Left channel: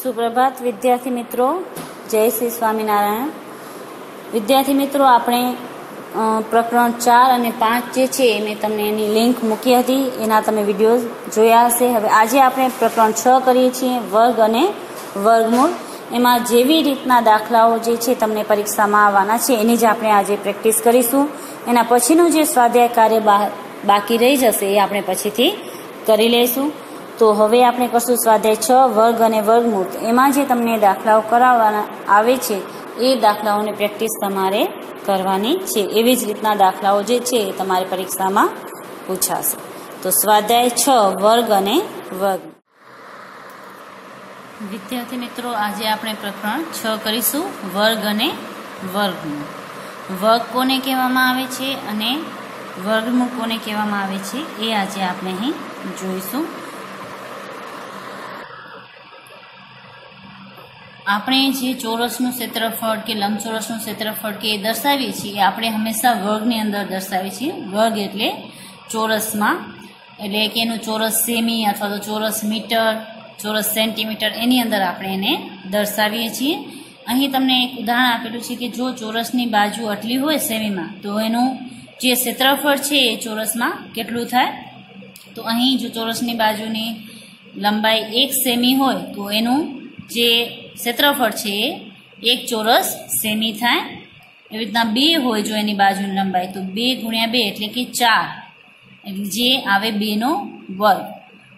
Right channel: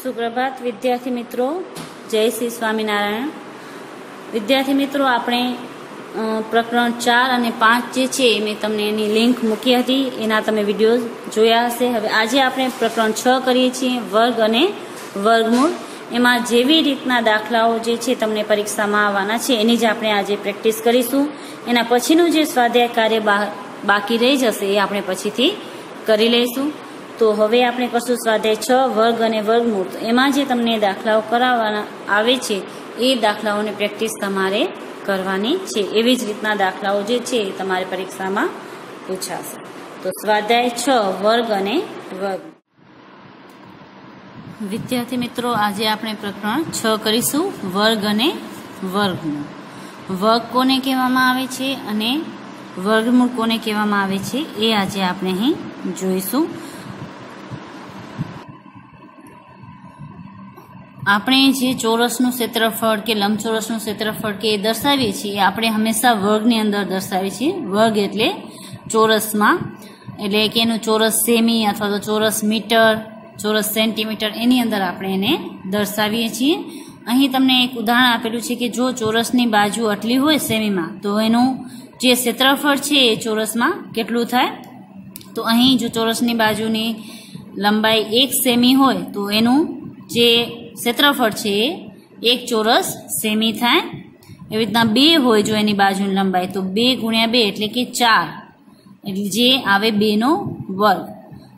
सुप्रभात विद्यार्थी मित्रों, जय श्री स्वामीनारायण। विद्यार्थी मित्रों, આપણે પ્રકરણ 4 અને 5 જે છે મેં તમને એની લિંક મૂકી હતી, એના તમે વિડીયો જોયા હશે। હવે આજે આપણે પ્રકરણ 6 કરીએ છીએ, વર્ગ અને વર્ગમૂળ। એમાં જેવી રીતના દાખલાઓ જે છે તમને પરીક્ષામાં આવવાના છે એની જ આપણે આજે પ્રેક્ટિસ કરીશું। એના પછીનું જે સ્વાધ્યાય કાર્ય બાકી રહી જશે એ આપણે પછીથી કરી લઈશું। તો હવે આપણે કરશું સ્વાધ્યાય 6 વર્ગ અને વર્ગમૂળ। તો એમાં જે તમને દાખલાઓ કરાવવાના આવે છે એ દાખલાઓની પ્રેક્ટિસ તમારે કરવાની છે। એવી જ રીતના દાખલાઓ જે છે એ તમારે પરીક્ષામાં પૂછાશે। તો સ્વાધ્યાય 6 વર્ગ અને વર્ગમૂળ। વિદ્યાર્થી મિત્રો, આજે આપણે પ્રકરણ 6 કરીશું, વર્ગ અને વર્ગમૂળ। વર્ગ કોને કહેવામાં આવે છે અને વર્ગમૂળ કોને કહેવામાં આવે છે એ આજે આપણે અહીં જોઈશું। આપણે જે ચોરસનું ક્ષેત્રફળ કે લંબચોરસનું ક્ષેત્રફળ કે એ દર્શાવીએ છીએ, આપણે હંમેશા વર્ગની અંદર દર્શાવીએ છીએ। વર્ગ એટલે ચોરસમાં, એટલે કે એનું ચોરસ સેમી અથવા તો ચોરસ મીટર, ચોરસ સેન્ટીમીટર, એની અંદર આપણે એને દર્શાવીએ છીએ। અહીં તમને એક ઉદાહરણ આપેલું છે કે જો ચોરસની બાજુ આટલી હોય સેમીમાં, તો એનું જે ક્ષેત્રફળ છે એ ચોરસમાં કેટલું થાય? તો અહીં જો ચોરસની બાજુની લંબાઈ 1 સેમી હોય તો એનું જે ક્ષેત્રફળ છે એ 1 ચોરસ સેમી થાય। એવી રીતના 2 હોય જો એની બાજુની લંબાઈ, તો 2 ગુણ્યા 2 એટલે કે 4, એટલે જે આવે 2 નો વર્ગ,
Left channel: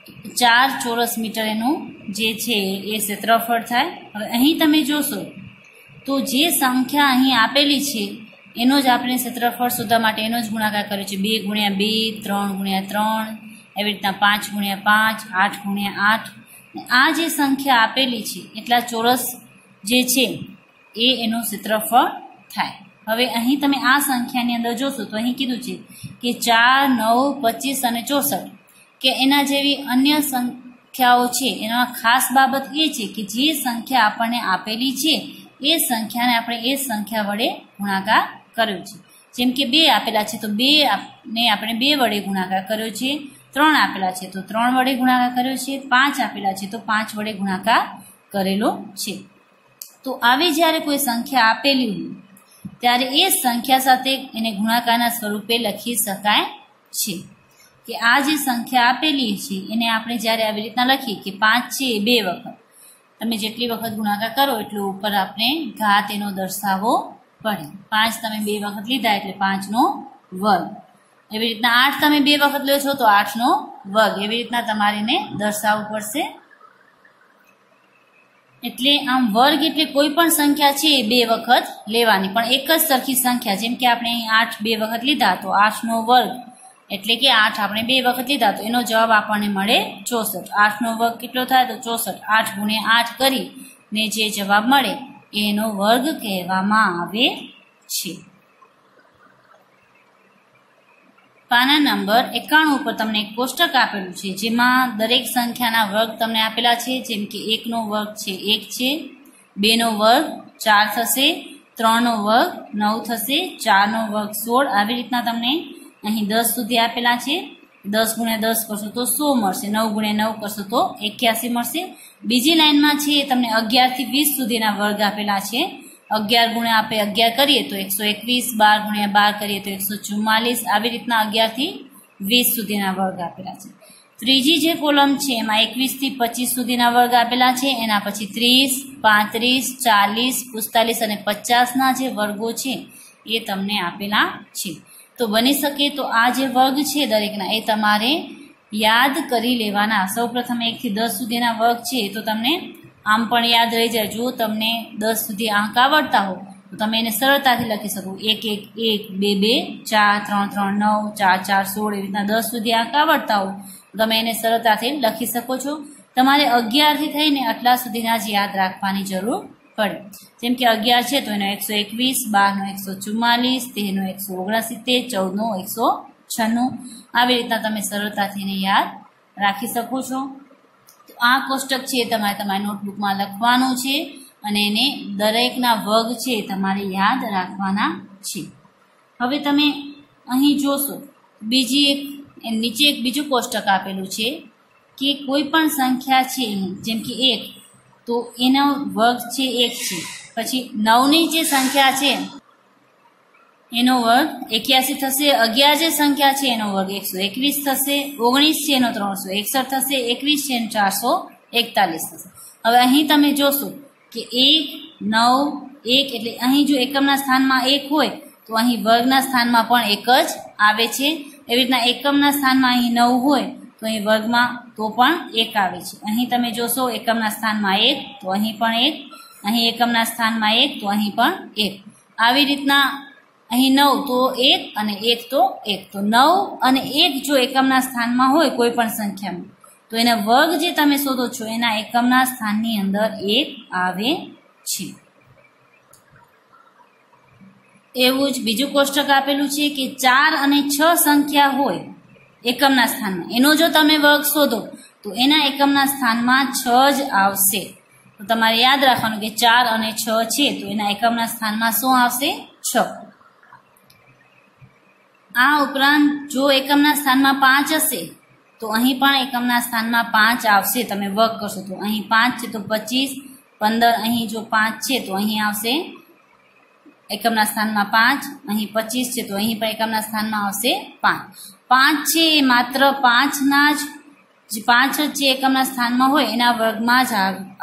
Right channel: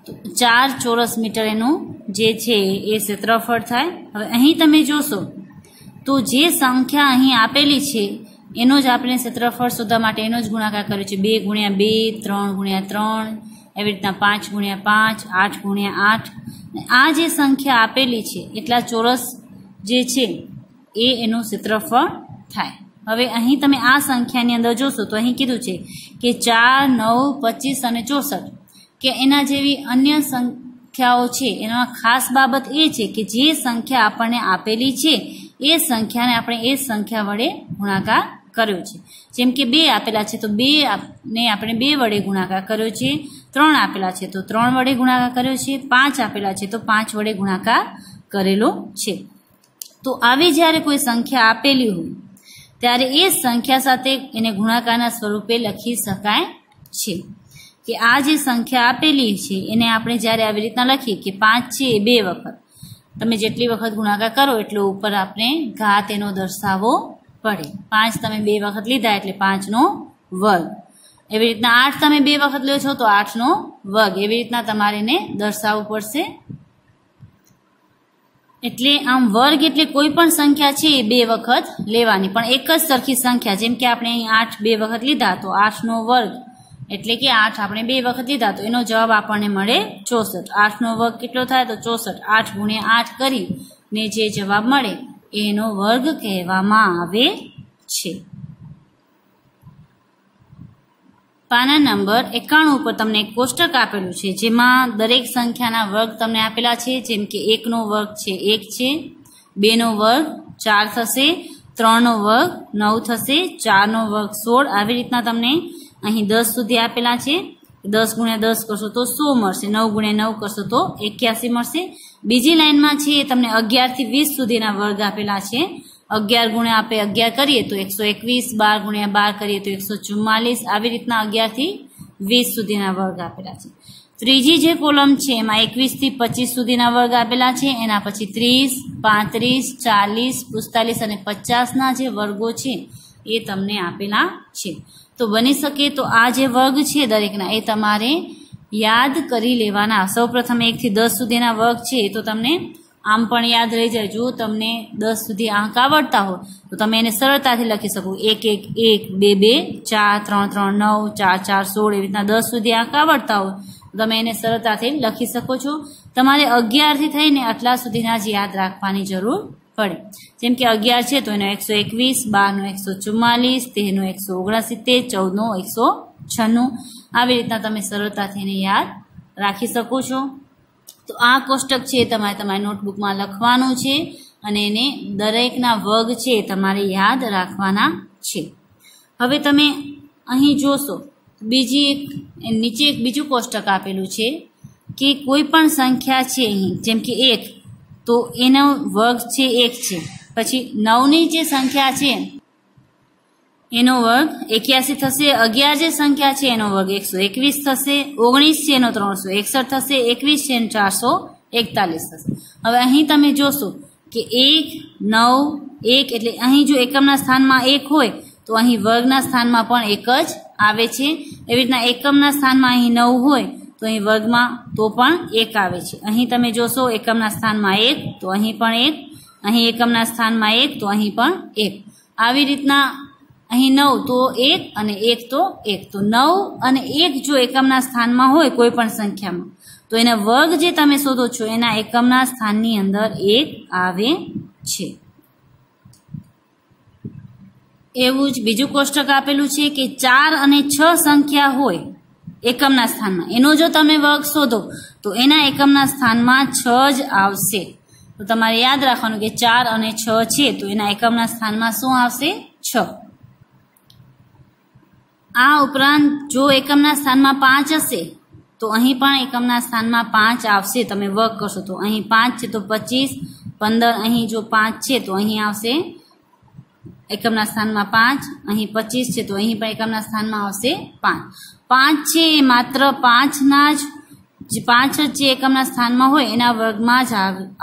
તો 4 ચોરસ મીટર એનું જે છે એ ક્ષેત્રફળ થાય। હવે અહીં તમે જોશો તો જે સંખ્યા અહીં આપેલી છે એનો જ આપણે ક્ષેત્રફળ શોધવા માટે એનો જ ગુણાકાર કર્યો છે। 2 ગુણ્યા 2, 3 ગુણ્યા 3, એવી રીતના 5 ગુણ્યા 5, 8 ગુણ્યા 8। આ જે સંખ્યા આપેલી છે એટલા ચોરસ જે છે એ એનું ક્ષેત્રફળ થાય। હવે અહીં તમે આ સંખ્યાની અંદર જોશો તો અહીં કીધું છે કે 4, 9, 25 અને 64 કે એના જેવી અન્ય સંખ્યાઓ છે। એમાં ખાસ બાબત એ છે કે જે સંખ્યા આપણને આપેલી છે એ સંખ્યાને આપણે એ સંખ્યા વડે ગુણાકાર કર્યો છે। જેમ કે 2 આપેલા છે તો 2 ને આપણે 2 વડે ગુણાકાર કર્યો છે, 3 આપેલા છે તો 3 વડે ગુણાકાર કર્યો છે, 5 આપેલા છે તો 5 વડે ગુણાકાર કરેલો છે। તો આવી જ્યારે કોઈ સંખ્યા આપેલી હોય ત્યારે એ સંખ્યા સાથે એને ગુણાકારના સ્વરૂપે લખી શકાય છે। કે આ જે સંખ્યા આપેલી છે એને આપણે જ્યારે આવી રીતના લખીએ કે 5 છે એ 2 વખત, તમે જેટલી વખત ગુણાકાર કરો એટલો ઉપર આપણે ઘાત એનો દર્શાવવો પડે। 5 તમે 2 વખત લીધા એટલે 5 નો વર્ગ, એવી રીતના 8 તમે 2 વખત લો છો તો 8 નો વર્ગ, એવી રીતના તમારે એને દર્શાવવું પડશે। એટલે આમ વર્ગ એટલે કોઈ પણ સંખ્યા છે એ 2 વખત લેવાની, પણ એક જ સરખી સંખ્યા। જેમ કે આપણે અહીં 8 2 વખત લીધા તો 8 નો વર્ગ એટલે કે 8 આપણે 2 વખત લીધા તો એનો જવાબ આપણને મળે 64। 8 નો વર્ગ કેટલો થાય? તો 64। 8 ગુણ્યા 8 કરી ને જે જવાબ મળે એનો વર્ગ કહેવામાં આવે છે। પાના નંબર 91 ઉપર તમને એક કોષ્ટક આપેલું છે જેમાં દરેક સંખ્યાના વર્ગ તમને આપેલા છે। જેમ કે 1 નો વર્ગ છે 1 છે, 2 નો વર્ગ 4 થશે, 3 નો વર્ગ 9 થશે, 4 નો વર્ગ 16। આવી રીતના તમને અહીં 10 સુધી આપેલા છે। 10 ગુણ્યા 10 કરશો તો 100 મળશે, 9 ગુણ્યા 9 કરશો તો 81 મળશે। બીજી લાઈનમાં છે તમને 11 થી 20 સુધીના વર્ગ આપેલા છે। 11 ગુણ્યા આપણે 11 કરીએ તો 121, 12 ગુણ્યા 12 કરીએ તો 144। આવી રીતના 11 થી 20 સુધીના વર્ગ આપેલા છે। ત્રીજી જે કોલમ છે એમાં 21 થી 25 સુધીના વર્ગ આપેલા છે। એના પછી 30, 35, 40, 45 અને 50 ના જે વર્ગો છે એ તમને આપેલા છે। તો બની શકે તો આ જે વર્ગ છે દરેકના એ તમારે યાદ કરી લેવાના। સૌપ્રથમ 1 થી 10 સુધીના વર્ગ છે તો તમને આમ પણ યાદ રહી જાય। જો તમને 10 સુધી આંક આવડતા હોય તો તમે એને સરળતાથી લખી શકો। 1 1 1, 2 2, 4 3 3, 9, 4 4, 16 એવી રીતના 10 સુધી આંક આવડતા હોય તો તમે એને સરળતાથી લખી શકો છો। તમારે 11 થી થઈને આટલા સુધીના જ યાદ રાખવાની જરૂર પડે। જેમ કે 11 છે તો એનો 121, 12 નો 144, 13 નો 169, 14 નો 196। આવી રીતના તમે સરળતાથી એને યાદ રાખી શકો છો। તો આ કોષ્ટક છે તમારે તમારી નોટબુકમાં લખવાનું છે અને એને દરેકના વર્ગ છે તમારે યાદ રાખવાના છે। હવે તમે અહીં જોશો નીચે એક બીજું કોષ્ટક આપેલું છે કે કોઈ પણ સંખ્યા છે અહીં, જેમ કે 1 તો એનો વર્ગ છે 1 છે. પછી 9 ની જે સંખ્યા છે એનો વર્ગ 81 થશે. 11 જે સંખ્યા છે એનો વર્ગ 121 થશે. 19 છે એનો 361 થશે. 21 છે એનો 441 થશે. હવે અહીં તમે જોશો કે 1 9 1 એટલે અહીં જો એકમના સ્થાનમાં 1 હોય તો અહીં વર્ગના સ્થાનમાં પણ 1 જ આવે છે. એવી રીતના એકમના સ્થાનમાં અહીં 9 હોય તો અહીં વર્ગમાં તો પણ 1 આવે છે. અહીં તમે જોશો એકમના સ્થાનમાં 1 તો અહીં પણ 1, અહીં એકમના સ્થાનમાં 1 તો અહીં પણ 1. આવી રીતના અહીં 9 તો 1 અને 1 તો 1. તો 9 અને 1 જો એકમના સ્થાનમાં હોય કોઈ પણ સંખ્યામાં તો એના વર્ગ જે તમે શોધો છો એના એકમના સ્થાનની અંદર 1 આવે છે. એવું જ બીજું કોષ્ટક આપેલું છે કે 4 અને 6 સંખ્યા હોય એકમના સ્થાનમાં, એનો જો તમે વર્ગ શોધો તો એના એકમના સ્થાનમાં 6 જ આવશે. તો તમારે યાદ રાખવાનું કે 4 અને 6 છે તો એના એકમના સ્થાનમાં શું આવશે? 6. આ ઉપરાંત જો એકમના સ્થાનમાં 5 હશે તો અહીં પણ એકમના સ્થાનમાં 5 આવશે. તમે વર્ગ કરશો તો અહીં 5 છે તો 25, 15 અહીં જો 5 છે તો અહીં આવશે એકમના સ્થાનમાં 5, અહીં 25 છે તો અહીં પણ એકમના સ્થાનમાં આવશે 5. 5 છે એ માત્ર 5ના જ 5 જે એકમના સ્થાનમાં હોય એના વર્ગમાં જ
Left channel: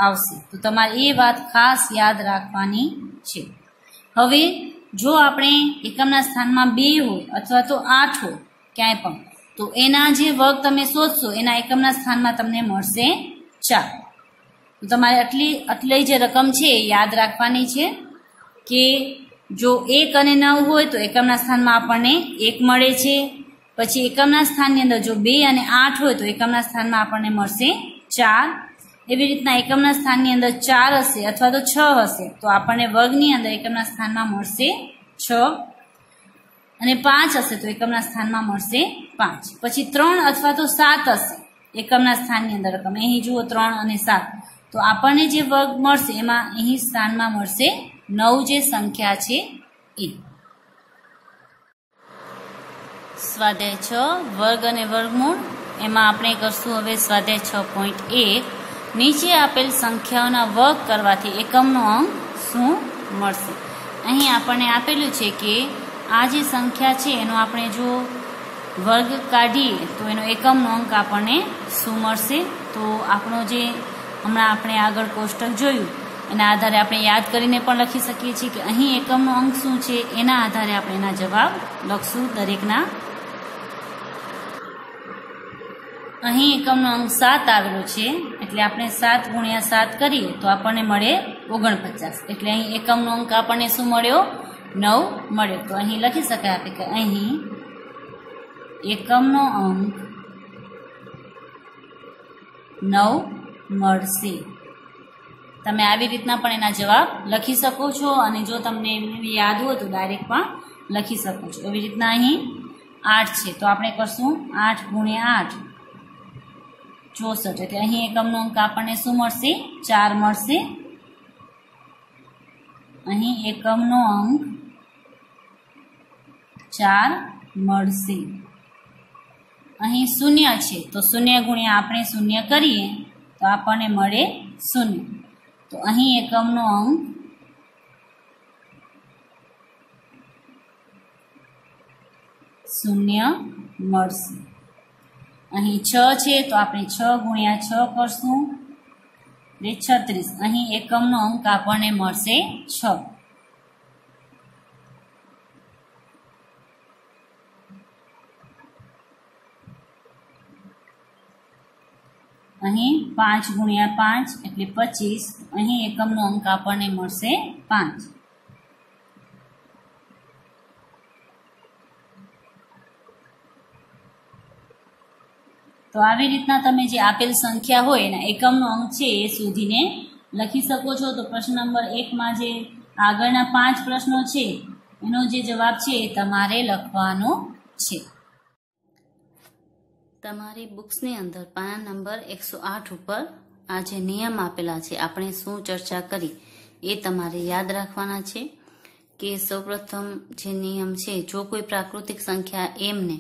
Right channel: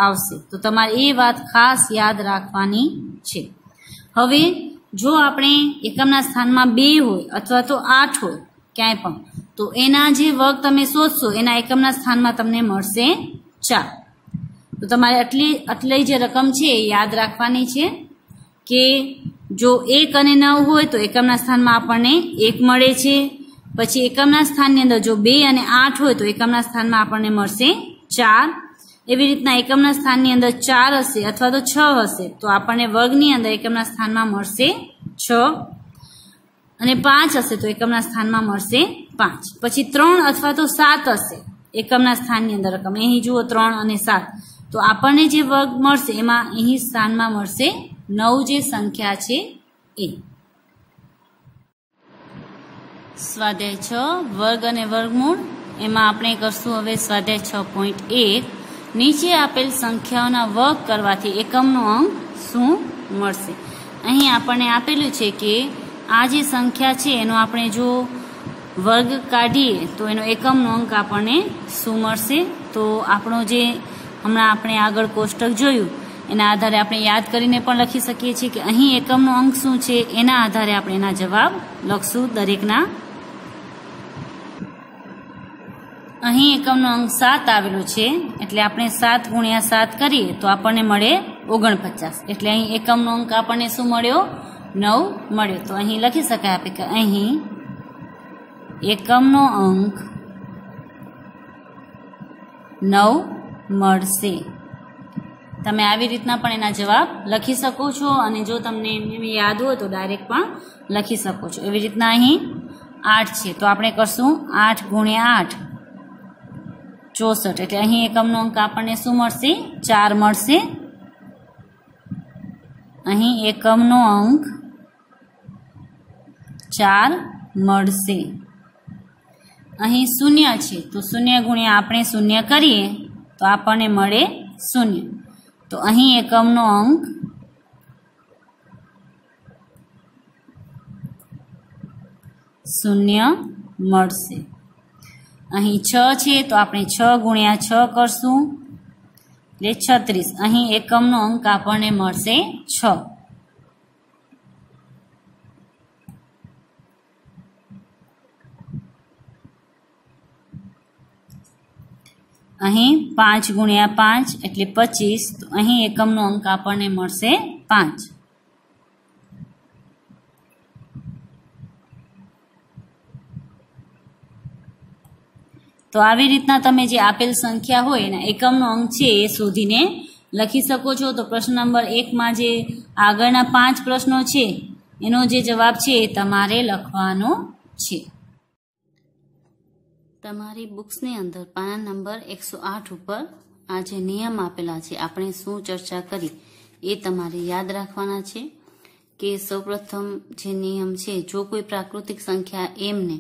આવશે. તો તમારે એ વાત ખાસ યાદ રાખવાની છે. હવે જો આપણે એકમના સ્થાનમાં 2 હોય અથવા તો 8 હોય ક્યાંય પણ તો એના જે વર્ગ તમે શોધશો એના એકમના સ્થાનમાં તમને મળશે 4. તો તમારે આટલી જે રકમ છે એ યાદ રાખવાની છે કે જો 1 અને 9 હોય તો એકમના સ્થાનમાં આપણને 1 મળે છે. પછી એકમના સ્થાનની અંદર જો 2 અને 8 હોય તો એકમના સ્થાનમાં આપણને મળશે 4. એવી રીતના એકમના સ્થાનની અંદર 4 હશે અથવા તો 6 હશે તો આપણને વર્ગની અંદર એકમના સ્થાનમાં મળશે 6 અને 5 હશે તો એકમના સ્થાનમાં મળશે 5. પછી 3 અથવા તો 7 હશે એકમના સ્થાનની અંદર રકમ, અહીં જુઓ 3 અને 7 તો આપણને જે વર્ગ મળશે એમાં અહીં સ્થાનમાં મળશે 9 જે સંખ્યા છે એ. સ્વાધ્યાય 6 વર્ગ અને વર્ગમૂળ. એમાં આપણે કરશું હવે સ્વાધ્યાય 6.1. નીચે આપેલ સંખ્યાઓના વર્ગ કરવાથી એકમનો અંક શું મળશે? અહીં આપણને આપેલું છે કે આ જે સંખ્યા છે એનો આપણે જો વર્ગ કાઢીએ તો એનો એકમનો અંક આપણને શું મળશે? તો આપણો જે હમણાં આપણે આગળ કોષ્ટક જોયું એના આધારે આપણે યાદ કરીને પણ લખી શકીએ છીએ કે અહીં એકમનો અંક શું છે એના આધારે આપણે એના જવાબ લખશું દરેકના. અહીં એકમનો અંક 7 આવેલો છે એટલે આપણે 7 ગુણ્યા 7 કરીએ તો આપણને મળે 49. એટલે અહીં એકમનો અંક આપણને શું મળ્યો? 9 મળ્યો. તો અહીં લખી શકાય આપણે કે અહીં એકમનો અંક 9 મળશે. તમે આવી રીતના પણ એના જવાબ લખી શકો છો અને જો તમને યાદ હોય તો ડાયરેક્ટ પણ લખી શકો છો. એવી રીતના અહીં 8 છે તો આપણે કરશું 8 ગુણ્યા 8 64. એટલે અહીં એકમનો અંક આપણને શું મળશે? 4 મળશે. અહીં એકમનો અંક 4 મળશે. અહીં 0 છે તો 0 ગુણ્યા આપણે 0 કરીએ તો આપણને મળે 0. તો અહીં એકમનો અંક 0 મળશે. અહીં 6 છે તો આપણે 6 ગુણ્યા 6 કરશું એટલે 36. અહીં એકમનો અંક આપણને મળશે 6. અહીં 5 ગુણ્યા 5 એટલે 25. તો અહીં એકમનો અંક આપણને મળશે 5. તો આવી રીતના તમે જે આપેલ સંખ્યા હોય એના એકમનો અંક છે એ શોધીને લખી શકો છો. તો પ્રશ્ન નંબર 1માં જે આગળના 5 પ્રશ્નો છે એનો જે જવાબ છે એ તમારે લખવાનો છે. તમારી બુક્સની અંદર પાના નંબર 108 ઉપર આ જે નિયમ આપેલા છે આપણે શું ચર્ચા કરી એ તમારે યાદ રાખવાના છે કે સૌપ્રથમ જે નિયમ છે જો કોઈ પ્રાકૃતિક સંખ્યા એમને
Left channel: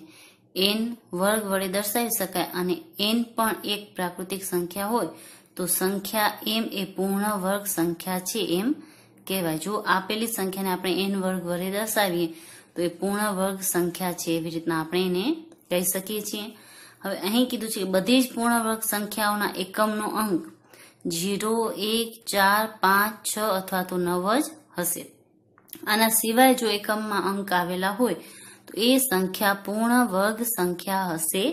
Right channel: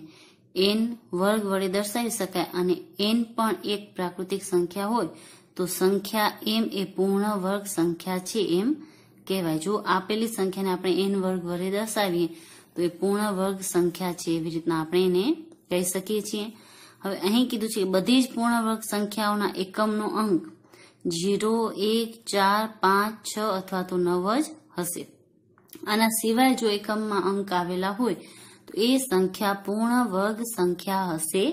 n વર્ગ વડે દર્શાવી શકાય અને n પણ એક પ્રાકૃતિક સંખ્યા હોય તો સંખ્યા m એ પૂર્ણ વર્ગ સંખ્યા છે એમ કહેવાય. જો આપેલી સંખ્યાને આપણે n વર્ગ વડે દર્શાવીએ તો એ પૂર્ણ વર્ગ સંખ્યા છે, એવી રીતના આપણે એને કહી શકીએ છીએ. હવે અહીં કીધું છે કે બધી જ પૂર્ણ વર્ગ સંખ્યાઓના એકમનો અંક 0, 1, 4, 5, 6 અથવા તો 9 જ હશે. આના સિવાય જો એકમમાં અંક આવેલા હોય તો એ સંખ્યા પૂર્ણ વર્ગ સંખ્યા હશે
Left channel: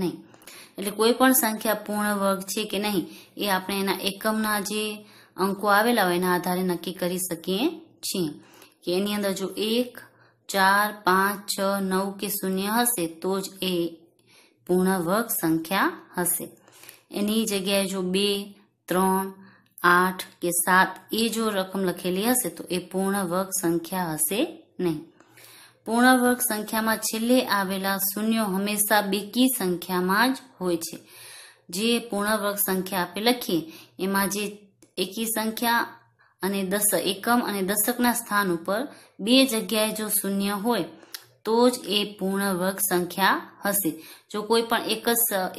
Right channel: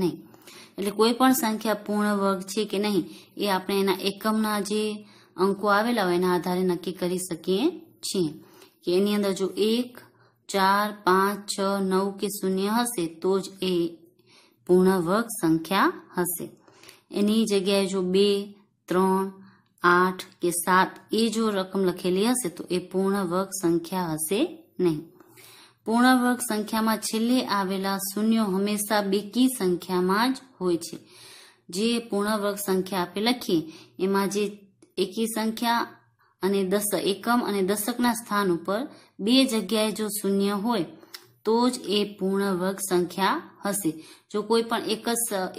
નહીં. એટલે કોઈ પણ સંખ્યા પૂર્ણ વર્ગ છે કે નહીં એ આપણે એના એકમના જે અંકો આવેલા હોય એના આધારે નક્કી કરી શકીએ છીએ કે એની અંદર જો 1, 4, 5, 6, 9 કે 0 હશે તો જ એ પૂર્ણ વર્ગ સંખ્યા હશે. એની જગ્યાએ જો 2, 3, 8 કે 7 એ જો રકમ લખેલી હશે તો એ પૂર્ણ વર્ગ સંખ્યા હશે નહીં. પૂર્ણ વર્ગ સંખ્યામાં છેલ્લે આવેલા શૂન્યો હંમેશા બેકી સંખ્યામાં જ હોય છે. જે પૂર્ણ વર્ગ સંખ્યા આપણે લખીએ એમાં જે એકી સંખ્યા અને એકમ અને દશકના સ્થાન ઉપર બે જગ્યાએ જો શૂન્ય હોય તો જ એ પૂર્ણ વર્ગ સંખ્યા હશે. જો કોઈ પણ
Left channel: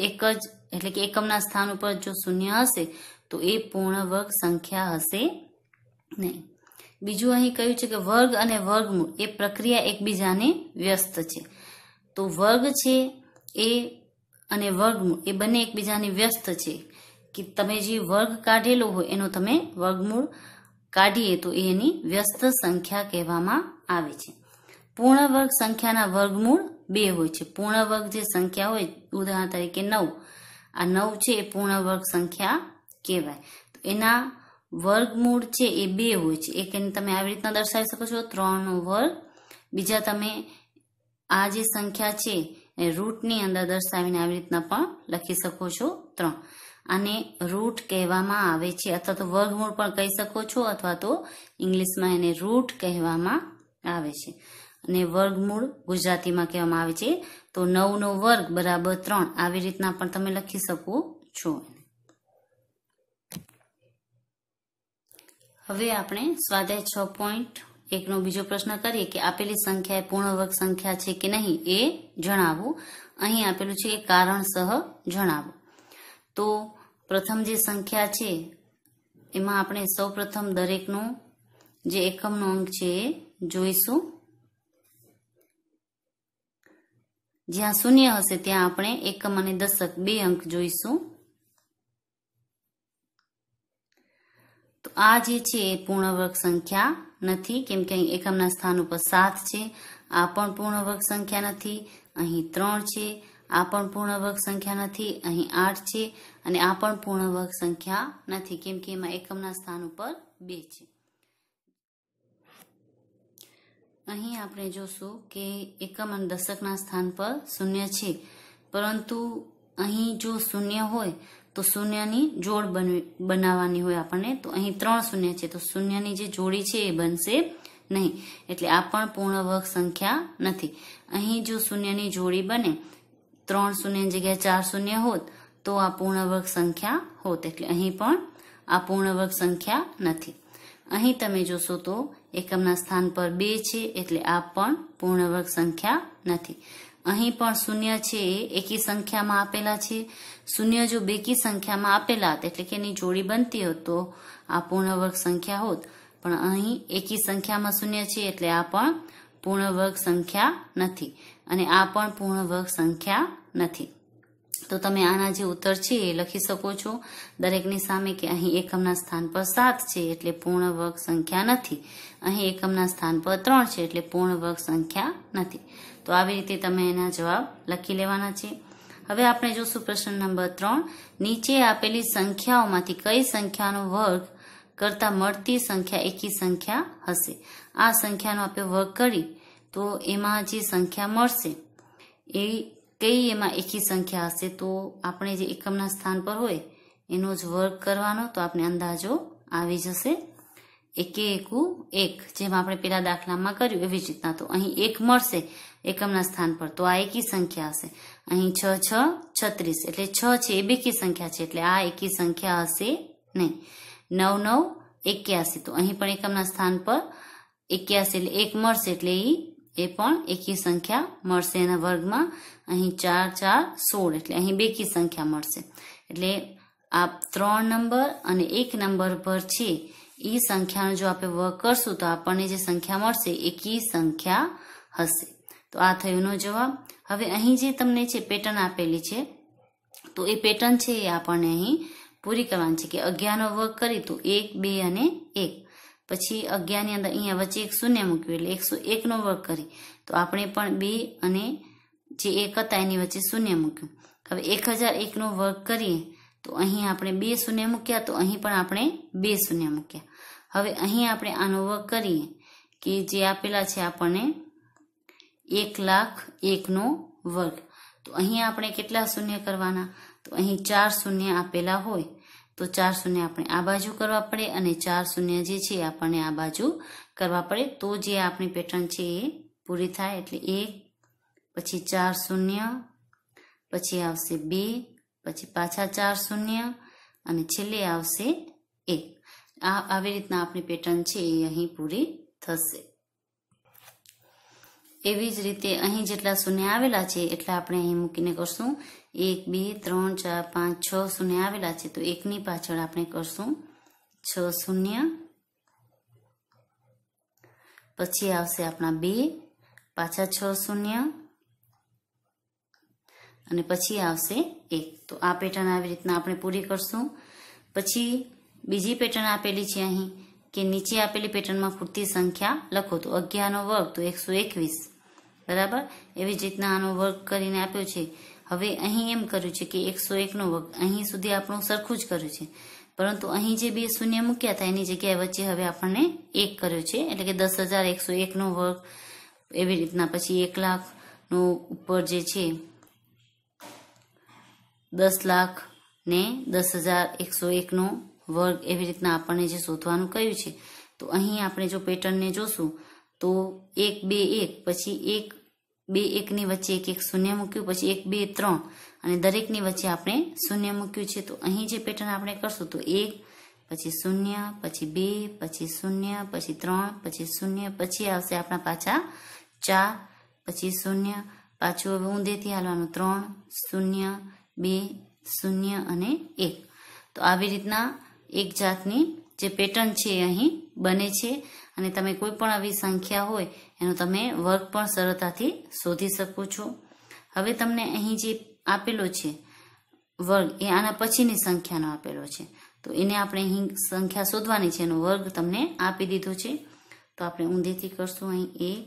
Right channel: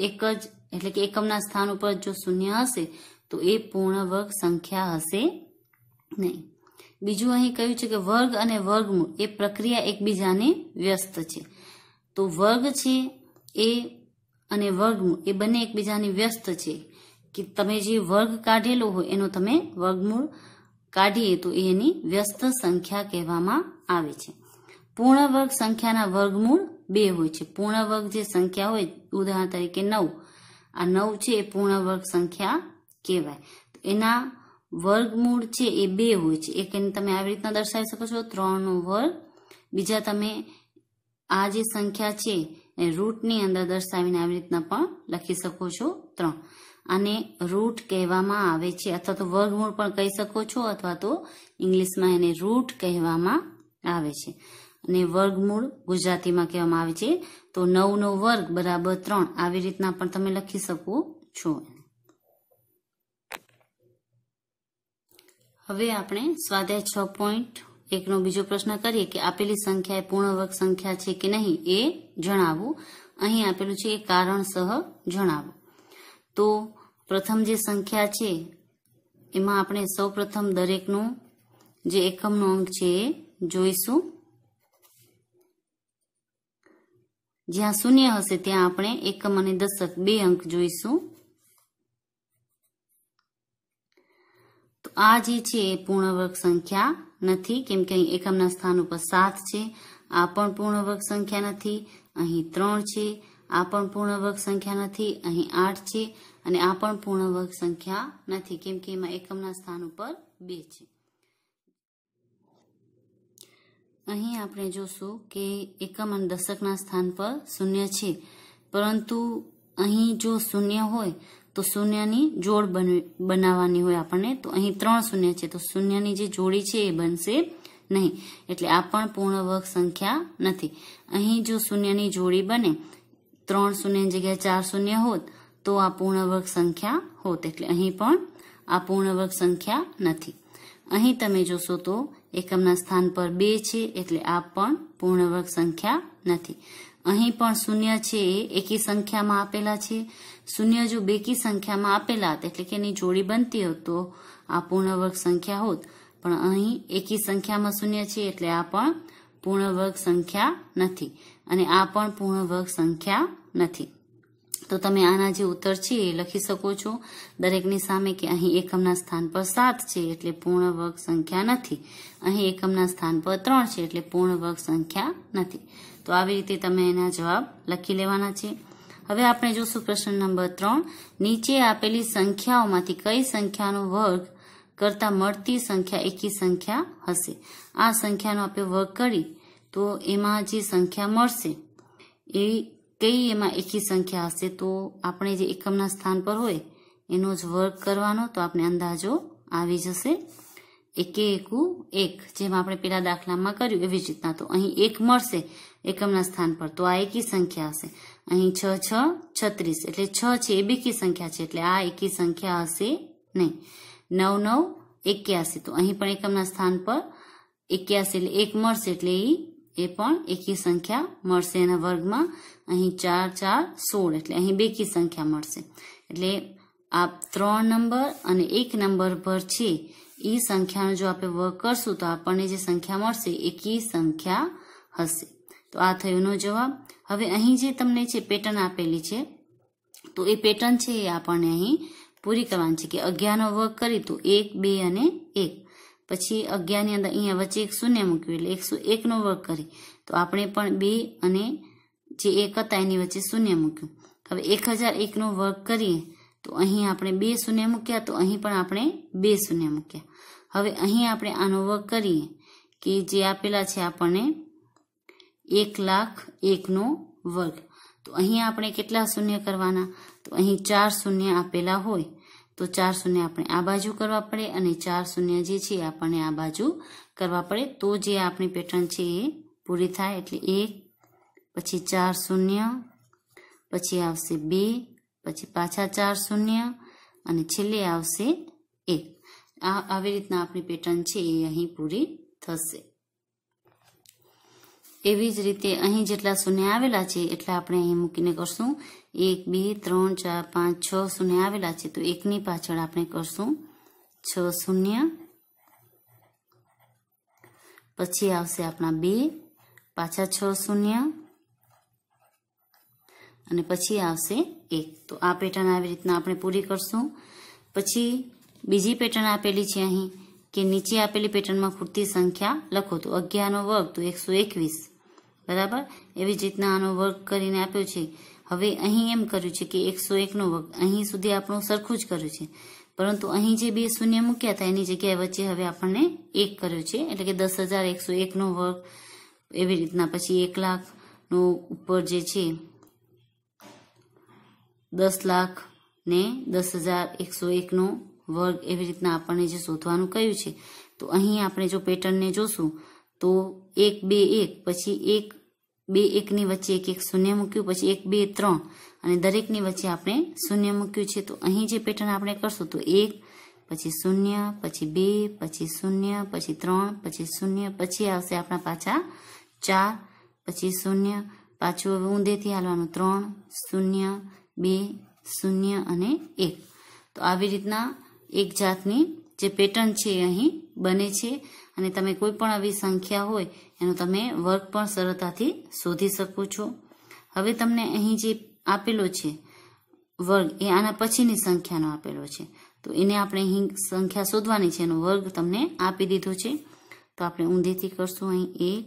એક જ એટલે કે એકમના સ્થાન ઉપર જો શૂન્ય હશે તો એ પૂર્ણ વર્ગ સંખ્યા હશે નહીં. બીજું અહીં કહ્યું છે કે વર્ગ અને વર્ગમૂળ એ પ્રક્રિયા એકબીજાને વ્યસ્ત છે. તો વર્ગ છે એ અને વર્ગમૂળ એ બંને એકબીજાને વ્યસ્ત છે કે તમે જે વર્ગ કાઢેલો હોય એનો તમે વર્ગમૂળ કાઢીએ તો એની વ્યસ્ત સંખ્યા કહેવામાં આવે છે. પૂર્ણ વર્ગ સંખ્યાના વર્ગમૂળ 2 હોય છે. પૂર્ણ વર્ગ જે સંખ્યા હોય ઉદાહરણ તરીકે 9, આ 9 છે એ પૂર્ણ વર્ગ સંખ્યા કહેવાય. એના વર્ગમૂળ છે એ 2 હોય છે. એક એને તમે આવી રીતના દર્શાવી શકો છો 3 નો વર્ગ. બીજા તમે આ જે સંખ્યા છે એ રૂટની અંદર દર્શાવીને આવી રીતના પણ લખી શકો છો 3. આને રૂટ કહેવામાં આવે છે અથવા તો વર્ગમૂળ પણ કહી શકો છો અથવા તો ઇંગ્લિશમાં એને રૂટ કહેવામાં આવે છે. અને વર્ગમૂળ ગુજરાતીમાં કહેવામાં આવે છે તો 9 નો વર્ગ બરાબર 3 આવી રીતના પણ તમે લખી શકો છો. હવે આપણે સ્વાધ્યાય 6.1 નો બીજો પ્રશ્ન કરીએ કે આપેલી સંખ્યા એ પૂર્ણ વર્ગ સંખ્યા છે કે નહીં એ જણાવવું. અહીં આપેલું છે કારણસહ જણાવો. તો પ્રથમ જે સંખ્યા છે એમાં આપણે સૌ પ્રથમ દરેકનો જે એકમનો અંક છે એ જોઈશું. જ્યાં શૂન્ય હશે ત્યાં આપણે એકમ અને દશક 2 અંક જોઈશું. તો આ જે છે એ પૂર્ણ વર્ગ સંખ્યા નથી કેમ કે અહીં એકમના સ્થાન ઉપર 7 છે. આ પણ પૂર્ણ વર્ગ સંખ્યા નથી. અહીં 3 છે, આ પણ પૂર્ણ વર્ગ સંખ્યા નથી. અહીં 8 છે અને આ પણ પૂર્ણ વર્ગ સંખ્યા નથી કેમ કે એમાં એકમના સ્થાન ઉપર 2 છે. અહીં આપણે જોશું કે એકમ અને દશકના સ્થાન પર 0 છે, પરંતુ અહીં જો 0 હોય તો શૂન્યની જોડ બનાવવાની હોય આપણને. તો અહીં 3 શૂન્ય છે તો શૂન્યની જે જોડી છે એ બનશે નહીં, એટલે આ પણ પૂર્ણ વર્ગ સંખ્યા નથી. અહીં જો શૂન્યની જોડી બને 3 શૂન્યની જગ્યાએ 4 શૂન્ય હોત તો આ પૂર્ણ વર્ગ સંખ્યા હોત, એટલે અહીં પણ આ પૂર્ણ વર્ગ સંખ્યા નથી. અહીં તમે જોશો તો એકમના સ્થાન પર 2 છે એટલે આ પણ પૂર્ણ વર્ગ સંખ્યા નથી. અહીં પણ શૂન્ય છે એ એકી સંખ્યામાં આપેલા છે. શૂન્ય જો બેકી સંખ્યામાં આપેલા હતા એટલે કે એની જોડી બનતી હોત તો આ પૂર્ણ વર્ગ સંખ્યા હોત, પણ અહીં એકી સંખ્યામાં શૂન્ય છે એટલે આ પણ પૂર્ણ વર્ગ સંખ્યા નથી અને આ પણ પૂર્ણ વર્ગ સંખ્યા નથી. તો તમે આના જે ઉત્તર છે એ લખી શકો છો દરેકની સામે કે અહીં એકમના સ્થાન પર 7 છે એટલે પૂર્ણ વર્ગ સંખ્યા નથી. અહીં એકમના સ્થાન પર 3 છે એટલે પૂર્ણ વર્ગ સંખ્યા નથી. તો આવી રીતે તમે એના જવાબ લખી લેવાના છે. હવે આપણે જોશું પ્રશ્ન નંબર 3. નીચે આપેલી સંખ્યાઓમાંથી કઈ સંખ્યાનો વર્ગ કરતા મળતી સંખ્યા એકી સંખ્યા હશે? આ સંખ્યાનો આપણે વર્ગ કરી તો એમાં જે સંખ્યા મળશે એ કઈ એમાં એકી સંખ્યા હશે? તો આપણે જે એકમના સ્થાન પર હોય એનો જ વર્ગ કરવાનો, તો આપણે અંદાજો આવી જશે. 1 એકુ 1, જેમ આપણે પેલા દાખલામાં કર્યું એવી જ રીતના. તો અહીં 1 મળશે એકમના સ્થાન પર તો આ એકી સંખ્યા હશે. અહીં 6 6 36 એટલે 6 છે એ બેકી સંખ્યા છે એટલે આ એકી સંખ્યા હશે નહીં. 9 9 81 તો અહીં પણ એકમના સ્થાન પર 81 એટલે 1 મળશે એટલે એ પણ એકી સંખ્યા મળશે એના વર્ગમાં. અહીં 4 4 16 એટલે અહીં બેકી સંખ્યા મળશે એટલે આ 3 નંબર અને 1 નંબર પર છે એ સંખ્યાનો જો આપણે વર્ગ કરશું તો આપણને જે સંખ્યા મળશે એ કી સંખ્યા હશે. તો આ થયોનો જવાબ. હવે અહીં જે તમને છે પેટર્ન આપેલી છે તો એ પેટર્ન છે એ આપણને અહીં પૂરી કરવાની છે કે 11નો વર્ગ કરી તો 1, 2 અને 1. પછી 11 ની અંદર અહીંયા વચ્ચે એક શૂન્ય મૂક્યું એટલે 101નો વર્ગ કરી તો આપણે પણ 2 અને જે 1 હતા એની વચ્ચે શૂન્ય મૂક્યું. હવે 1001નો વર્ગ કરીએ તો અહીં આપણે 2 શૂન્ય મૂક્યા તો અહીં પણ આપણે 2 શૂન્ય મૂક્યા. હવે અહીં આપણે આનો વર્ગ કરીએ કે જે આપેલા છે આપણને 1,01,000નો વર્ગ. તો અહીં આપણે કેટલા શૂન્ય કરવાના તો અહીં 4 શૂન્ય આપેલા હોય તો 4 શૂન્ય આપણે આ બાજુ કરવા પડે અને 4 શૂન્ય જે છે આપણને આ બાજુ કરવા પડે તો જે આપણી પેટર્ન છે એ પૂરી થાય. એટલે 1 પછી 4 શૂન્ય પછી આવશે 2 પછી પાછા 4 શૂન્ય અને છેલ્લે આવશે 1. આવી રીતના આપણી પેટર્ન છે એ અહીં પૂરી થશે. એવી જ રીતે અહીં જેટલા શૂન્ય આવેલા છે એટલા આપણે અહીં મૂકીને કરશું 1, 2, 3, 4, 5, 6 શૂન્ય આવેલા છે તો 1ની પાછળ આપણે કરશું 6 શૂન્ય. પછી આવશે આપણા 2 પાછા 6 શૂન્ય અને પછી આવશે 1. તો આ પેટર્ન આવી રીતના આપણે પૂરી કરશું. પછી બીજી પેટર્ન આપેલી છે અહીં કે નીચે આપેલી પેટર્નમાં ખૂટતી સંખ્યા લખો તો 11નો વર્ગ તો 121 બરાબર. એવી જ રીતના આનો વર્ગ કરીને આપ્યો છે. હવે અહીં એમ કર્યું છે કે 101નો વર્ગ અહીં સુધી આપણું સરખું જ કર્યું છે પરંતુ અહીં જે 2 શૂન્ય મૂક્યા હતા એની જગ્યાએ વચ્ચે હવે આપણને 1 કર્યું છે એટલે કે 10,101નો વર્ગ. એવી રીતના પછી 1,00,000નો ઉપર જે છે 10,00,000 ને 10,101નો વર્ગ. એવી રીતના આપણને જે શોધવાનું કહ્યું છે તો અહીં આપણે જો પેટર્નને જોશું તો 1, 2, 1 પછી 1, 2, 1ની વચ્ચે 1, 1 શૂન્ય મૂક્યું પછી 1, 2, 3 અને દરેકની વચ્ચે આપણે શૂન્ય મૂક્યું છે. તો અહીં જે પેટર્ન આપણે કરશું તો 1 પછી શૂન્ય પછી 2 પછી શૂન્ય પછી 3 પછી શૂન્ય પછી આવશે આપણા પાછા 4 પછી શૂન્ય પાછું હવે ઊંધેથી હાલવાનું 3 શૂન્ય 2 શૂન્ય અને 1. તો આવી રીતના એક જાતની જે પેટર્ન છે અહીં બને છે અને તમે કોઈ પણ આવી સંખ્યા હોય એનો તમે વર્ગ પણ સરળતાથી શોધી શકો છો. હવે તમને અહીં જે આપેલો છે વર્ગ એ આના પછીની સંખ્યાનો આપેલો છે તો એને આપણે અહીં સંખ્યા શોધવાની છે એનો વર્ગ તમને આપી દીધો છે. તો આપણે ઊંધેથી કરશું અહીં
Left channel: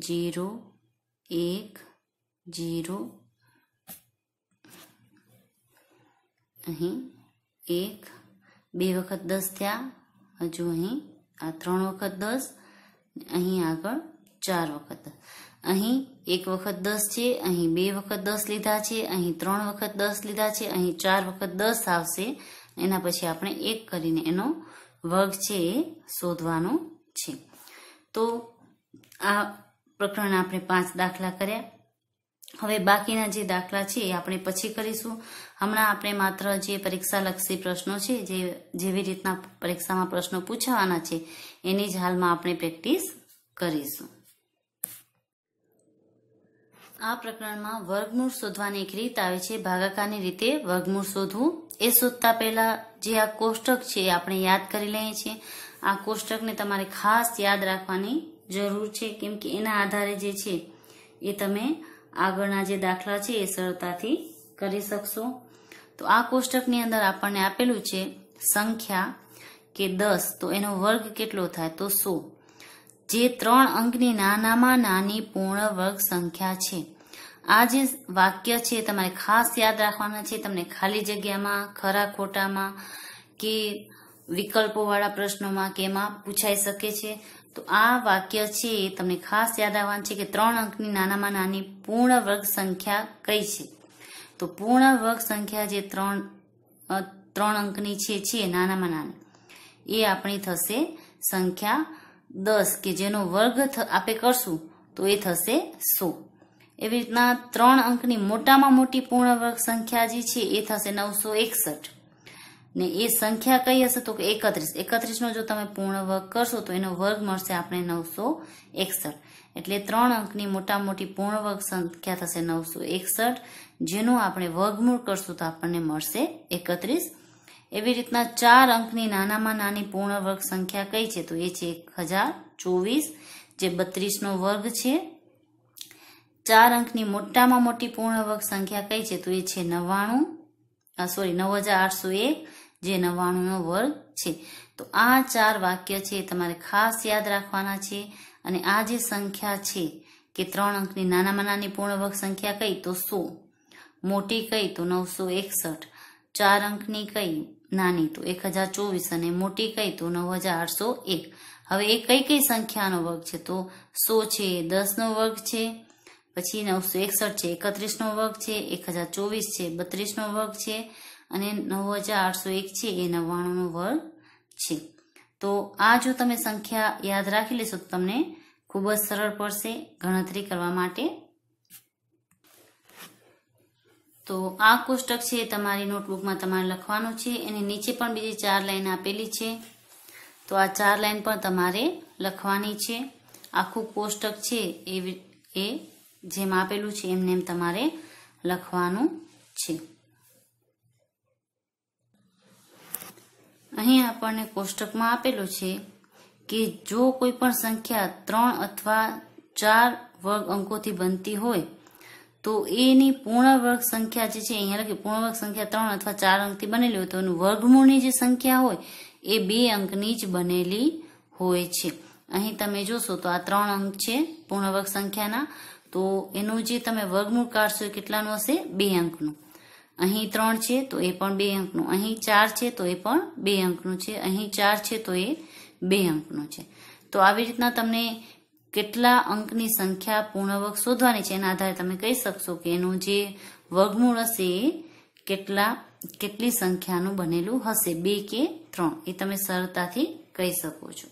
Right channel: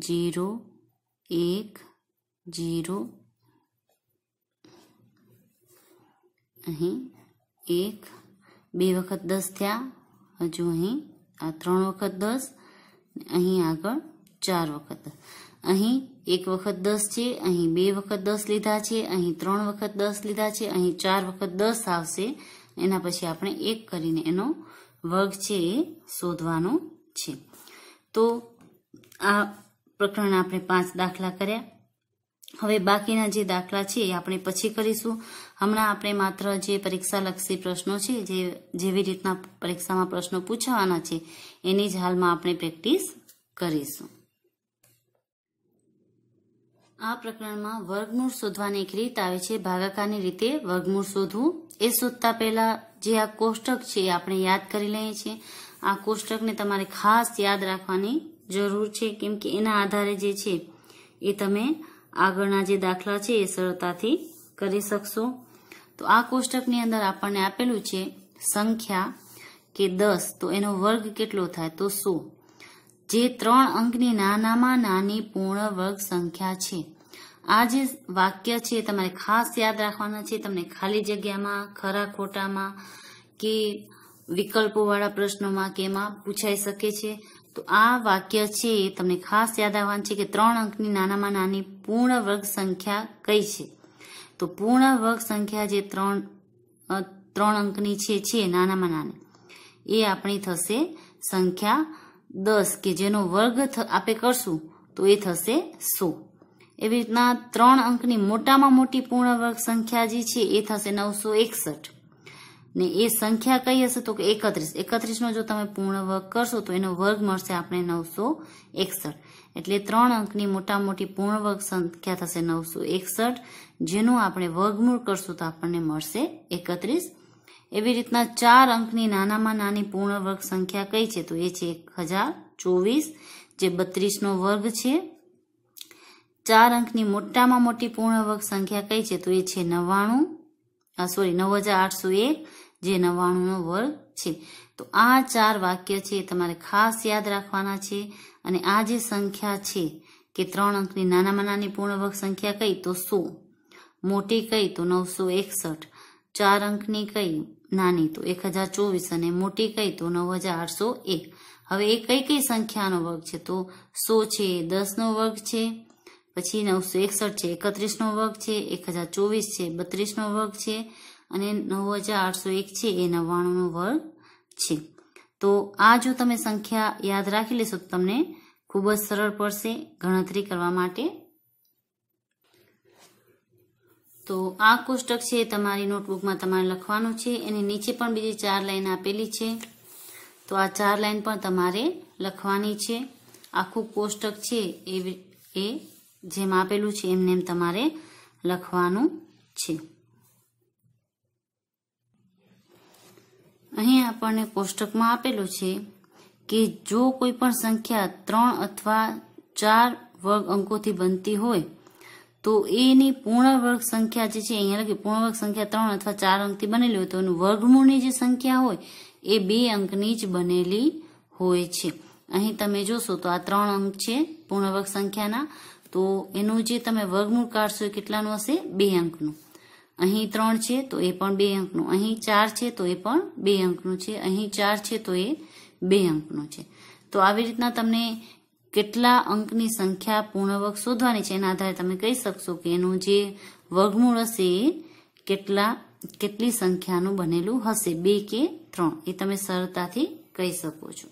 1 0 1 0 અહીં 1 2 વખત 10 થયા હજુ અહીં આ 3 વખત 10 અહીં આગળ 4 વખત 10 અહીં 1 વખત 10 છે અહીં 2 વખત 10 લીધા છે અહીં 3 વખત 10 લીધા છે અહીં 4 વખત 10 આવશે. એના પછી આપણે 1 કરીને એનો વર્ગ છે એ શોધવાનો છે. તો આ પ્રકરણ આપણે 5 દાખલા કર્યા. હવે બાકીના જે દાખલા છે એ આપણે પછી કરીશું. હમણાં આપણે માત્ર જે પરીક્ષાલક્ષી પ્રશ્નો છે જે જેવી રીતના પરીક્ષામાં પ્રશ્નો પૂછાવાના છે એની જ હાલમાં આપણે પ્રેક્ટિસ કરીશું. આ પ્રકરણમાં વર્ગમૂળ શોધવાની એક રીત આવે છે ભાગાકારની રીતે વર્ગમૂળ શોધવું. એ શોધતા પહેલા જે આ કોષ્ટક છે એ આપણે યાદ કરી લઈએ છીએ. આ કોષ્ટકને તમારે ખાસ યાદ રાખવાની જરૂર છે કેમ કે એના આધારે જે છે એ તમે આગળના જે દાખલા છે એ સરળતાથી કરી શકશો. તો આ કોષ્ટકની અંદર આપણને આપેલું છે સંખ્યા કે 10 તો એનો વર્ગ કેટલો થાય તો 100. જે 3 અંકની નાનામાં નાની પૂર્ણ વર્ગ સંખ્યા છે. આ જે વાક્ય છે તમારે ખાસ યાદ રાખવાના છે. તમને ખાલી જગ્યામાં ખરા ખોટામાં કે વિકલ્પોવાળા પ્રશ્નોમાં કે એમાં પૂછાઈ શકે છે. તો આ વાક્ય છે એ તમને ખાસ યાદ આવવાનું છે કે 3 અંકની નાનામાં નાની પૂર્ણ વર્ગ સંખ્યા કઈ છે. તો પૂર્ણ વર્ગ સંખ્યા જે 3 અંકની છે નાનામાં નાની એ આપણી થશે સંખ્યા 10 કે જેનો વર્ગ આપણે કરશું તો એ થશે 100. એવી રીતના 3 અંકની મોટામાં મોટી પૂર્ણ વર્ગ સંખ્યા જે છે એ થશે 961 ને એ સંખ્યા કઈ હશે તો કે 31. 31નો જો તમે પૂર્ણ વર્ગ કરશો તો એનો વર્ગ મળશે આપણે 961. એટલે 3 અંકની મોટા મોટી પૂર્ણ વર્ગ સંખ્યા થશે 961 જેનું આપણે વર્ગમૂળ કરશું તો આપણને મળશે 31। એવી રીતના 4 અંકની નાનામાં નાની પૂર્ણ વર્ગ સંખ્યા કઈ છે તો એ છે 1024, જે 32 નો વર્ગ છે। 4 અંકની મોટામાં મોટી પૂર્ણ વર્ગ સંખ્યા કઈ છે તો એ છે 9801, જે 99 નો વર્ગ છે। તો આ 4 વાક્ય છે તમારે ખાસ યાદ રાખવાના છે। અને આ જે સંખ્યા છે કે 3 અંકની નાનામાં નાની પૂર્ણ વર્ગ સંખ્યા કઈ તો 100, મોટી કઈ તો 961, 4 અંકની કઈ નાની તો 1024 અને મોટી કઈ તો 9801। હવે એ કઈ કઈ સંખ્યાનો વર્ગ છે તો 100 છે 10 નો વર્ગ છે, પછી 961 છે 31 નો વર્ગ છે, 1024 છે 32 નો વર્ગ છે અને 9801 છે એ 99 નો વર્ગ છે। તો આ જો તમે સંખ્યા યાદ રાખી લેશો તો તમને ખૂબ જ સરળ પડશે ગણતરી કરવા માટે। તો આ કોષ્ટક છે તમારી નોટબુકમાં તમારે લખવાનું છે। એની નીચે પણ બીજી 4 લાઈન આપેલી છે, તો આ 4 લાઈન પણ તમારે લખવાની છે। આખું કોષ્ટક છે એ જેમ આપેલું છે એમને એમ તમારે લખવાનું છે। અહીં આપણને કોષ્ટકમાં આપેલું છે કે જો કોઈ પણ સંખ્યા 3 અથવા 4 વર્ગ અંકોથી બનતી હોય તો એની પૂર્ણ વર્ગ સંખ્યા જે છે અહીંયા લખી પૂર્ણ વર્ગ સંખ્યા 3 અથવા 4 અંકથી બનેલી હોય તો એનું વર્ગમૂળની જે સંખ્યા હોય એ 2 અંકની જ બનેલી હોય છે। અહીં તમે જોશો તો આ 3 અંક છે પૂર્ણ વર્ગ સંખ્યાના, તો એનું જે તમે વર્ગમૂળ કાઢશો એ કેટલાનું હશે 2 અંકનું। અહીં 3 છે તો એ પણ 2 અંકનું, અહીં 4 છે તો એ પણ 2 અંકનું છે, અહીં 4 છે તો એ 2 અંકનું છે। તો આવી રીતના તમને કેટલા અંકની સંખ્યા પૂર્ણ વર્ગ શોધવાની છે એના આધારે તમે કહી શકશો કે એનું જે વર્ગમૂળ હશે એ કેટલી સંખ્યાનું બનેલું હશે, 2 કે 3, એ તમે સરળતાથી કહી શકો છો।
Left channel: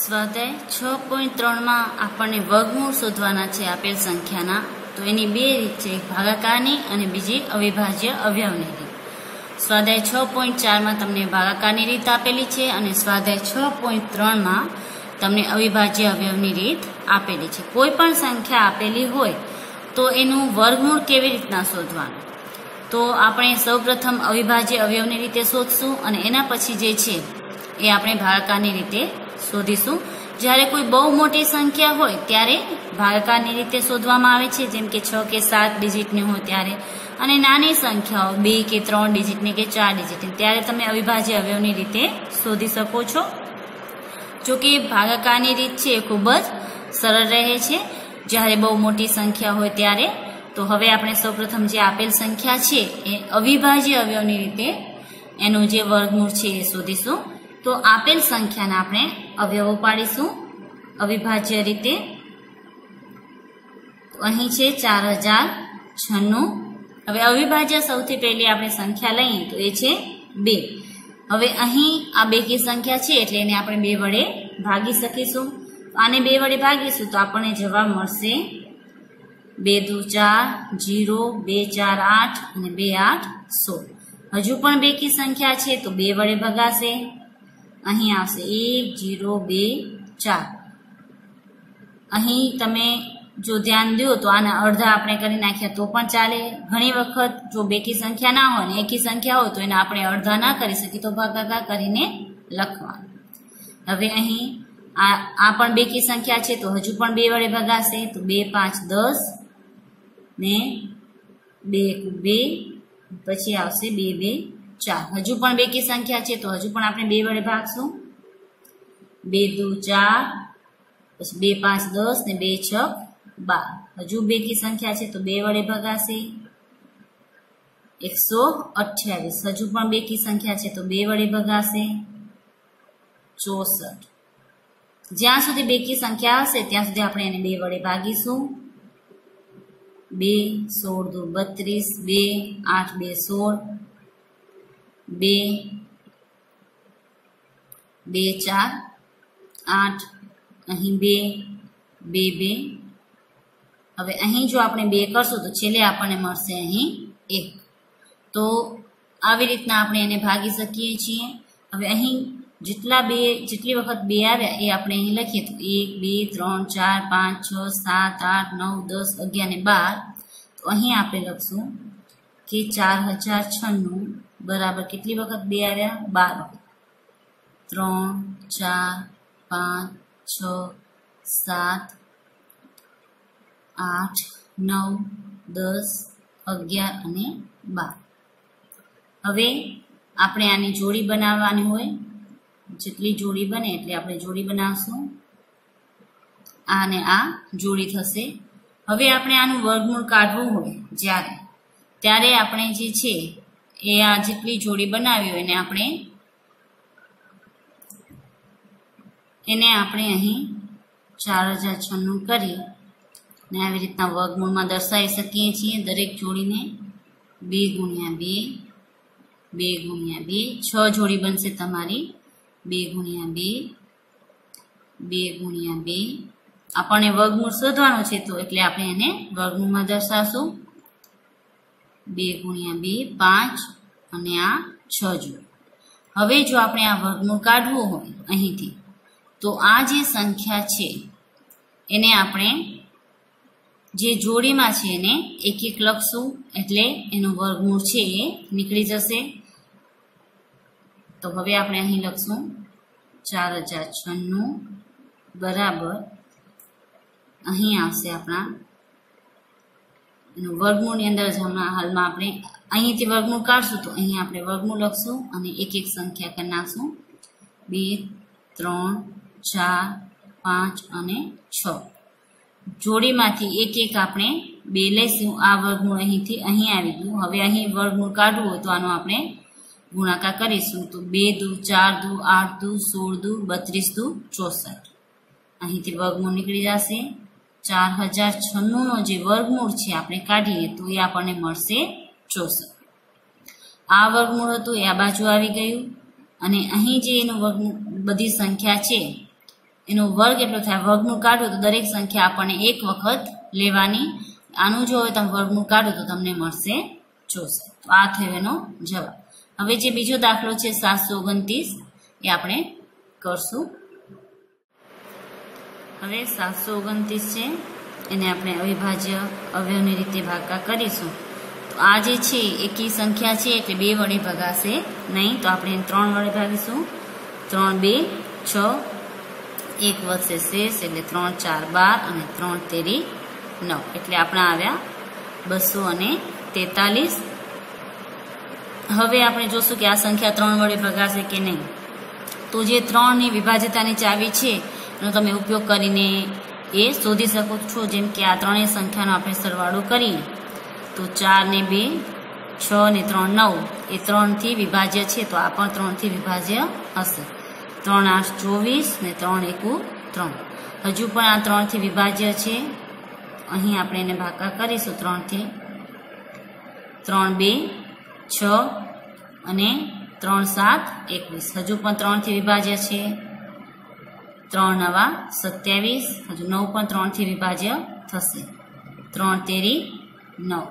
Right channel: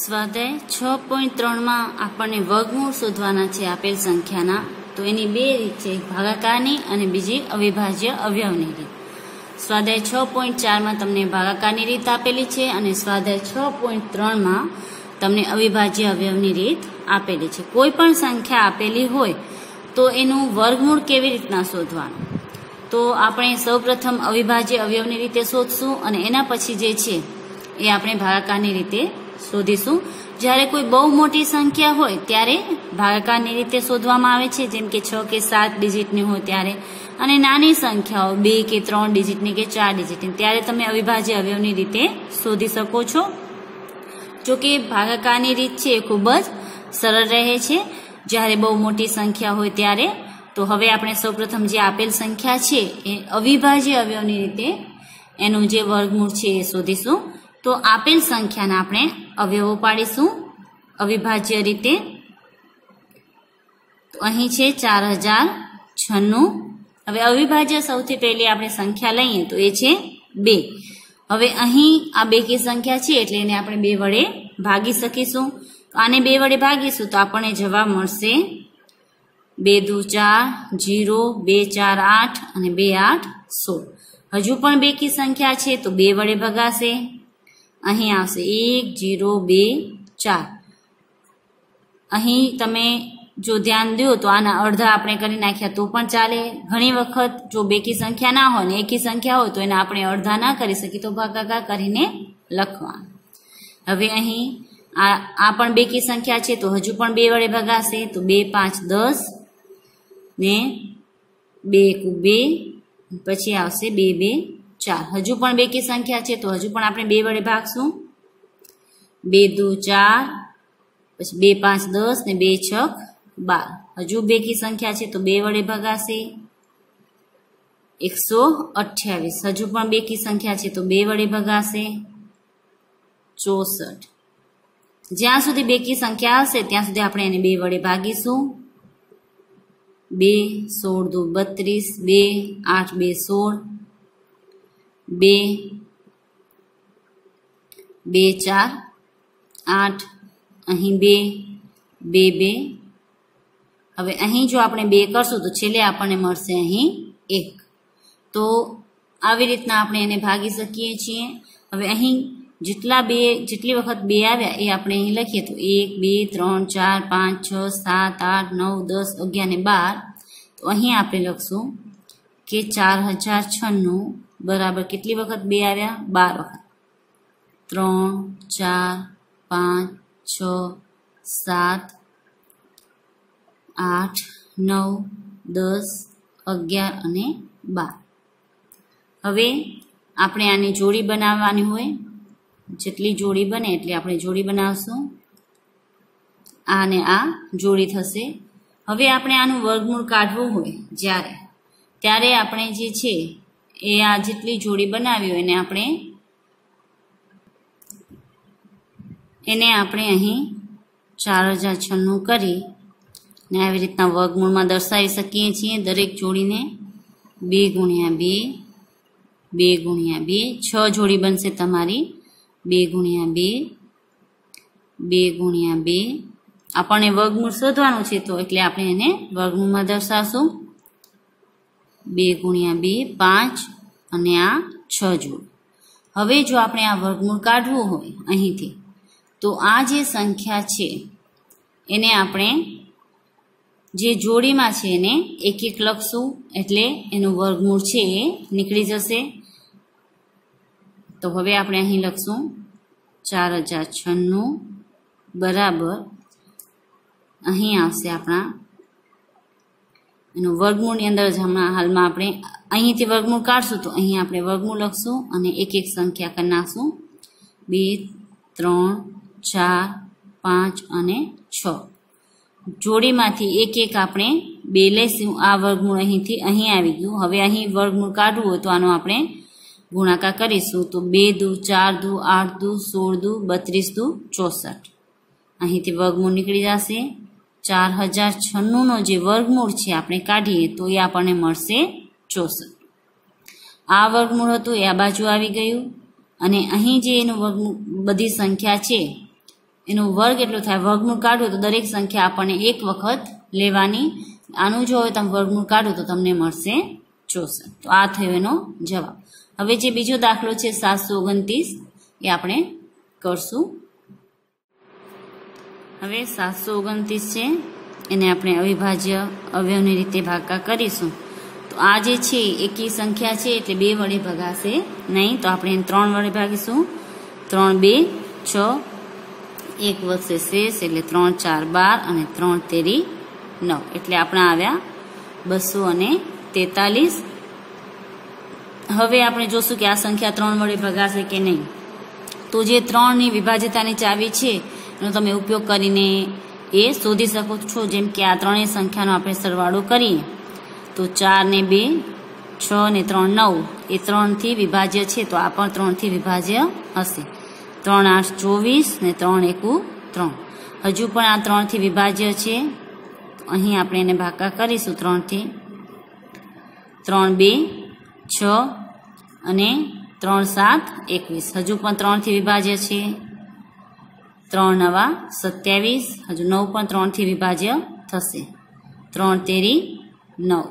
સ્વાધ્યાય 6.3 માં આપણને વર્ગમૂળ શોધવાના છે આપેલ સંખ્યાના। તો એની 2 રીત છે, એક ભાગાકારની અને બીજી અવિભાજ્ય અવયવની રીત। સ્વાધ્યાય 6.4 માં તમને ભાગાકારની રીત આપેલી છે અને સ્વાધ્યાય 6.3 માં તમને અવિભાજ્ય અવયવની રીત આપેલી છે। કોઈ પણ સંખ્યા આપેલી હોય તો એનું વર્ગમૂળ કેવી રીતના શોધવાનું, તો આપણે સૌપ્રથમ અવિભાજ્ય અવયવની રીતે શોધશું અને એના પછી જે છે એ આપણે ભાગાકારની રીતે શોધીશું। જ્યારે કોઈ બહુ મોટી સંખ્યા હોય ત્યારે ભાગાકારની રીતે શોધવામાં આવે છે, જેમ કે 6 કે 7 ડિજિટની હોય ત્યારે, અને નાની સંખ્યાઓ 2 કે 3 ડિજિટની કે 4 ડિજિટની ત્યારે તમે અવિભાજ્ય અવયવની રીતે શોધી શકો છો। જો કે ભાગાકારની રીત છે એ ખૂબ જ સરળ રહે છે જ્યારે બહુ મોટી સંખ્યા હોય ત્યારે। તો હવે આપણે સૌપ્રથમ જે આપેલ સંખ્યા છે એ અવિભાજ્ય અવયવની રીતે એનું જે વર્ગમૂળ છે એ શોધીશું। તો આપેલ સંખ્યાના આપણે અવયવો પાડીશું અવિભાજ્ય રીતે। તો અહીં છે 4096। હવે અવિભાજ્ય સૌથી પહેલી આપણે સંખ્યા લઈએ તો એ છે 2। હવે અહીં આ બેકી સંખ્યા છે એટલે એને આપણે 2 વડે ભાગી શકીશું। આને 2 વડે ભાગીશું તો આપણને જવાબ મળશે 2 દુ 4, 0, 2 4 8 અને 2 8 16। હજુ પણ બેકી સંખ્યા છે તો 2 વડે ભગાશે। અહીં આવશે 1 0 2 4। અહીં તમે જો ધ્યાન દો તો આના અડધા આપણે કરી નાખ્યા તો પણ ચાલે। ઘણી વખત જો બેકી સંખ્યા ના હોય ને એકી સંખ્યા હોય તો એના આપણે અડધા ના કરી શકીએ તો ભાગાકાર કરીને લખવાનું। હવે અહીં આ પણ બેકી સંખ્યા છે તો હજુ પણ 2 વડે ભગાશે તો 2 5 10 ને 2 2, પછી આવશે 2 2 4। હજુ પણ બેકી સંખ્યા છે તો હજુ પણ આપણે 2 વડે ભાગશું। 2 દુ 4, પછી 2 5 10 ને 2 6 12। હજુ બેકી સંખ્યા છે તો 2 વડે ભગાશે 128। હજુ પણ બેકી સંખ્યા છે તો 2 વડે ભગાશે 64। જ્યાં સુધી બેકી સંખ્યા હશે ત્યાં સુધી આપણે એને 2 વડે ભાગીશું। 2 16 દુ 32, 2 8 2 16, 2 2 4 8, અહીં 2 2 2। હવે અહીં જો આપણે 2 કરશું તો છેલ્લે આપણને મળશે અહીં 1। તો આવી રીતના આપણે એને ભાગી શકીએ છીએ। હવે અહીં જેટલી વખત 2 આવ્યા એ આપણે અહીં લખીએ તો 1 2 3 4 5 6 7 8 9 10 11 ને 12 તો અહીં આપણે લખશું કે 4096 બરાબર કેટલી વખત 2 આવ્યા 12 વખત 3 4 5 6 7 8 9 10 11 અને 12 હવે આપણે આની જોડી બનાવવાની હોય જેટલી જોડી બને એટલે આપણે જોડી બનાવશું આ અને આ જોડી થશે હવે આપણે આનું વર્ગમૂળ કાઢવું હોય ત્યારે આપણે જે છે એ આ જેટલી જોડી બનાવી હોય એને આપણે અહીં 4096 કરી ને આવી રીતના વર્ગમૂળમાં દર્શાવી શકીએ છીએ દરેક જોડીને 2 ગુણ્યા 2 2 ગુણ્યા 2 6 જોડી બનશે તમારી 2 ગુણ્યા 2 2 ગુણ્યા 2 આપણને વર્ગમૂળ શોધવાનું છે તો એટલે આપણે એને વર્ગમૂળમાં દર્શાવશું 2 ગુણ્યા 2 5 અને આ 6 જોડ હવે જો આપણે આ વર્ગમૂળ કાઢવું હોય અહીંથી તો આ જે સંખ્યા છે એને આપણે જે જોડીમાં છે એને એક એક લખશું એટલે એનું વર્ગમૂળ છે એ નીકળી જશે તો હવે આપણે અહીં લખશું 4096 બરાબર અહીં આવશે આપણા એનું વર્ગમૂળની અંદર જ હમણાં હાલમાં આપણે અહીંથી વર્ગમૂળ કાઢશું તો અહીં આપણે વર્ગમૂળ લખશું અને એક એક સંખ્યા કરી નાખશું 2 3 4 5 અને 6 જોડીમાંથી એક એક આપણે 2 લઈશું આ વર્ગમૂળ અહીંથી અહીં આવી ગયું હવે અહીં વર્ગમૂળ કાઢવું હોય તો આનો આપણે ગુણાકાર કરીશું તો 2 દુ 4 દુ 8 દુ 16 દુ 32 દુ 64 અહીંથી વર્ગમૂળ નીકળી જશે 4096 નો જે વર્ગમૂળ છે આપણે કાઢીએ તો એ આપણને મળશે 64 આ વર્ગમૂળ હતું એ આ બાજુ આવી ગયું અને અહીં જે એનું વર્ગમૂળ બધી સંખ્યા છે એનો વર્ગ એટલો થાય વર્ગમૂળ કાઢો તો દરેક સંખ્યા આપણને એક વખત લેવાની આનું જો તમે વર્ગમૂળ કાઢો તો તમને મળશે 64 તો આ થયો એનો જવાબ હવે જે બીજો દાખલો છે 729 એ આપણે કરશું હવે 729 છે એને આપણે અવિભાજ્ય અવયવની રીતે ભાગાકાર કરીશું તો આ જે છે એકી સંખ્યા છે એટલે 2 વડે ભગાશે નહીં તો આપણે એને 3 વડે ભાગીશું 3 2 6 1 વધશે શેષ એટલે 3 4 12 અને 3 તેરી 9 એટલે આપણા આવ્યા 243 હવે આપણે જોશું કે આ સંખ્યા 3 વડે ભગાશે કે નહીં તો જે 3 ની વિભાજ્યતાની ચાવી છે એનો તમે ઉપયોગ કરીને એ શોધી શકો છો જેમ કે આ ત્રણેય સંખ્યાનો આપણે સરવાળો કરીએ તો 4 ને 2 6 ને 3 9 એ 3 થી વિભાજ્ય છે તો આ પણ 3 થી વિભાજ્ય હશે 3 8 24 ને 3 1 3 હજુ પણ આ 3 થી વિભાજ્ય છે અહીં આપણે એને ભાગાકાર કરીશું 3 થી 3 2 6 અને 3 7 21 હજુ પણ 3 થી વિભાજ્ય છે 3 9 27 હજુ 9 પણ 3 થી વિભાજ્ય થશે 3 તેરી 9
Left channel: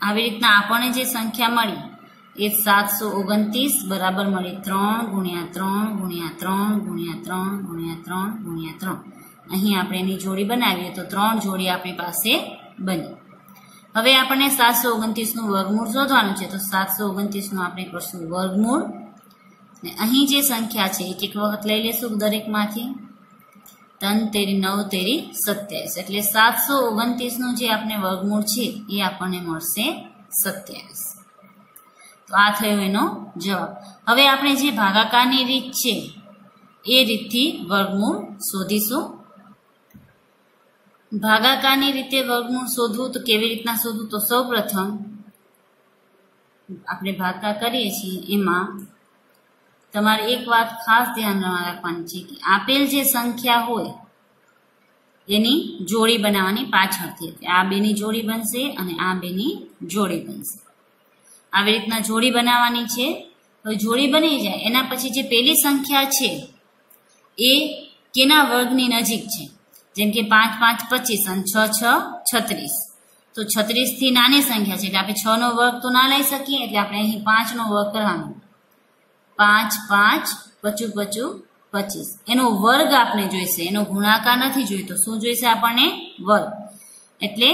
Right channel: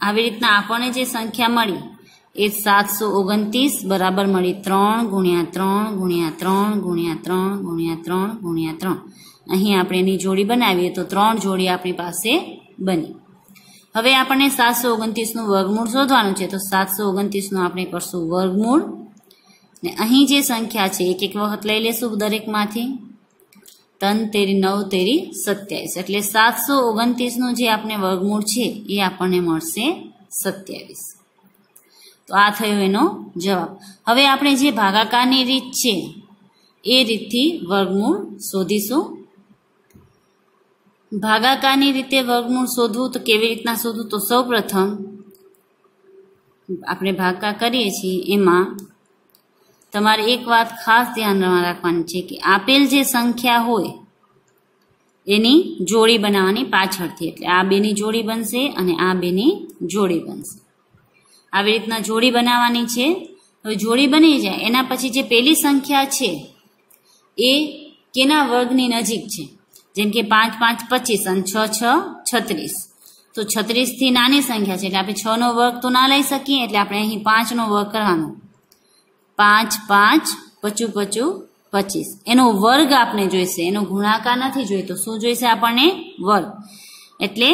આવી રીતના આપણને જે સંખ્યા મળી એ 729 બરાબર મળી 3 ગુણ્યા 3 ગુણ્યા 3 ગુણ્યા 3 ગુણ્યા 3 ગુણ્યા 3 અહીં આપણે એની જોડી બનાવીએ તો 3 જોડી આપણી પાસે બની હવે આપણને 729 નું વર્ગમૂળ શોધવાનું છે તો 729 નું આપણે કરશું વર્ગમૂળ ને અહીં જે સંખ્યા છે એક એક વખત લઈ લેશું દરેકમાંથી 3 તેરી 9 તેરી 27 એટલે 729 નું જે આપણે વર્ગમૂળ છે એ આપણને મળશે 27 તો આ થયો એનો જવાબ હવે આપણે જે ભાગાકારની રીત છે એ રીતથી વર્ગમૂળ શોધીશું ભાગાકારની રીતે વર્ગમૂળ શોધવું તો કેવી રીતના શોધવું તો સૌપ્રથમ આપણે ભાગાકાર કરીએ છીએ એમાં તમારે એક વાત ખાસ ધ્યાનમાં રાખવાની છે કે આપેલ જે સંખ્યા હોય એની જોડી બનાવવાની પાછળથી એટલે આ બેની જોડી બનશે અને આ બેની જોડી બનશે આવી રીતના જોડી બનાવવાની છે હવે જોડી બની જાય એના પછી જે પેલી સંખ્યા છે એ કેના વર્ગની નજીક છે જેમ કે 5 5 25 અને 6 6 36 તો 36 થી નાની સંખ્યા છે એટલે આપણે 6 નો વર્ગ તો ના લઈ શકીએ એટલે આપણે અહીં 5 નો વર્ગ કરવાનો 5 5 પચું પચું 25 એનો વર્ગ આપણે જોઈશે, એનો ગુણાકાર નથી જોઈતો. શું જોઈશે આપણને? વર્ગ. એટલે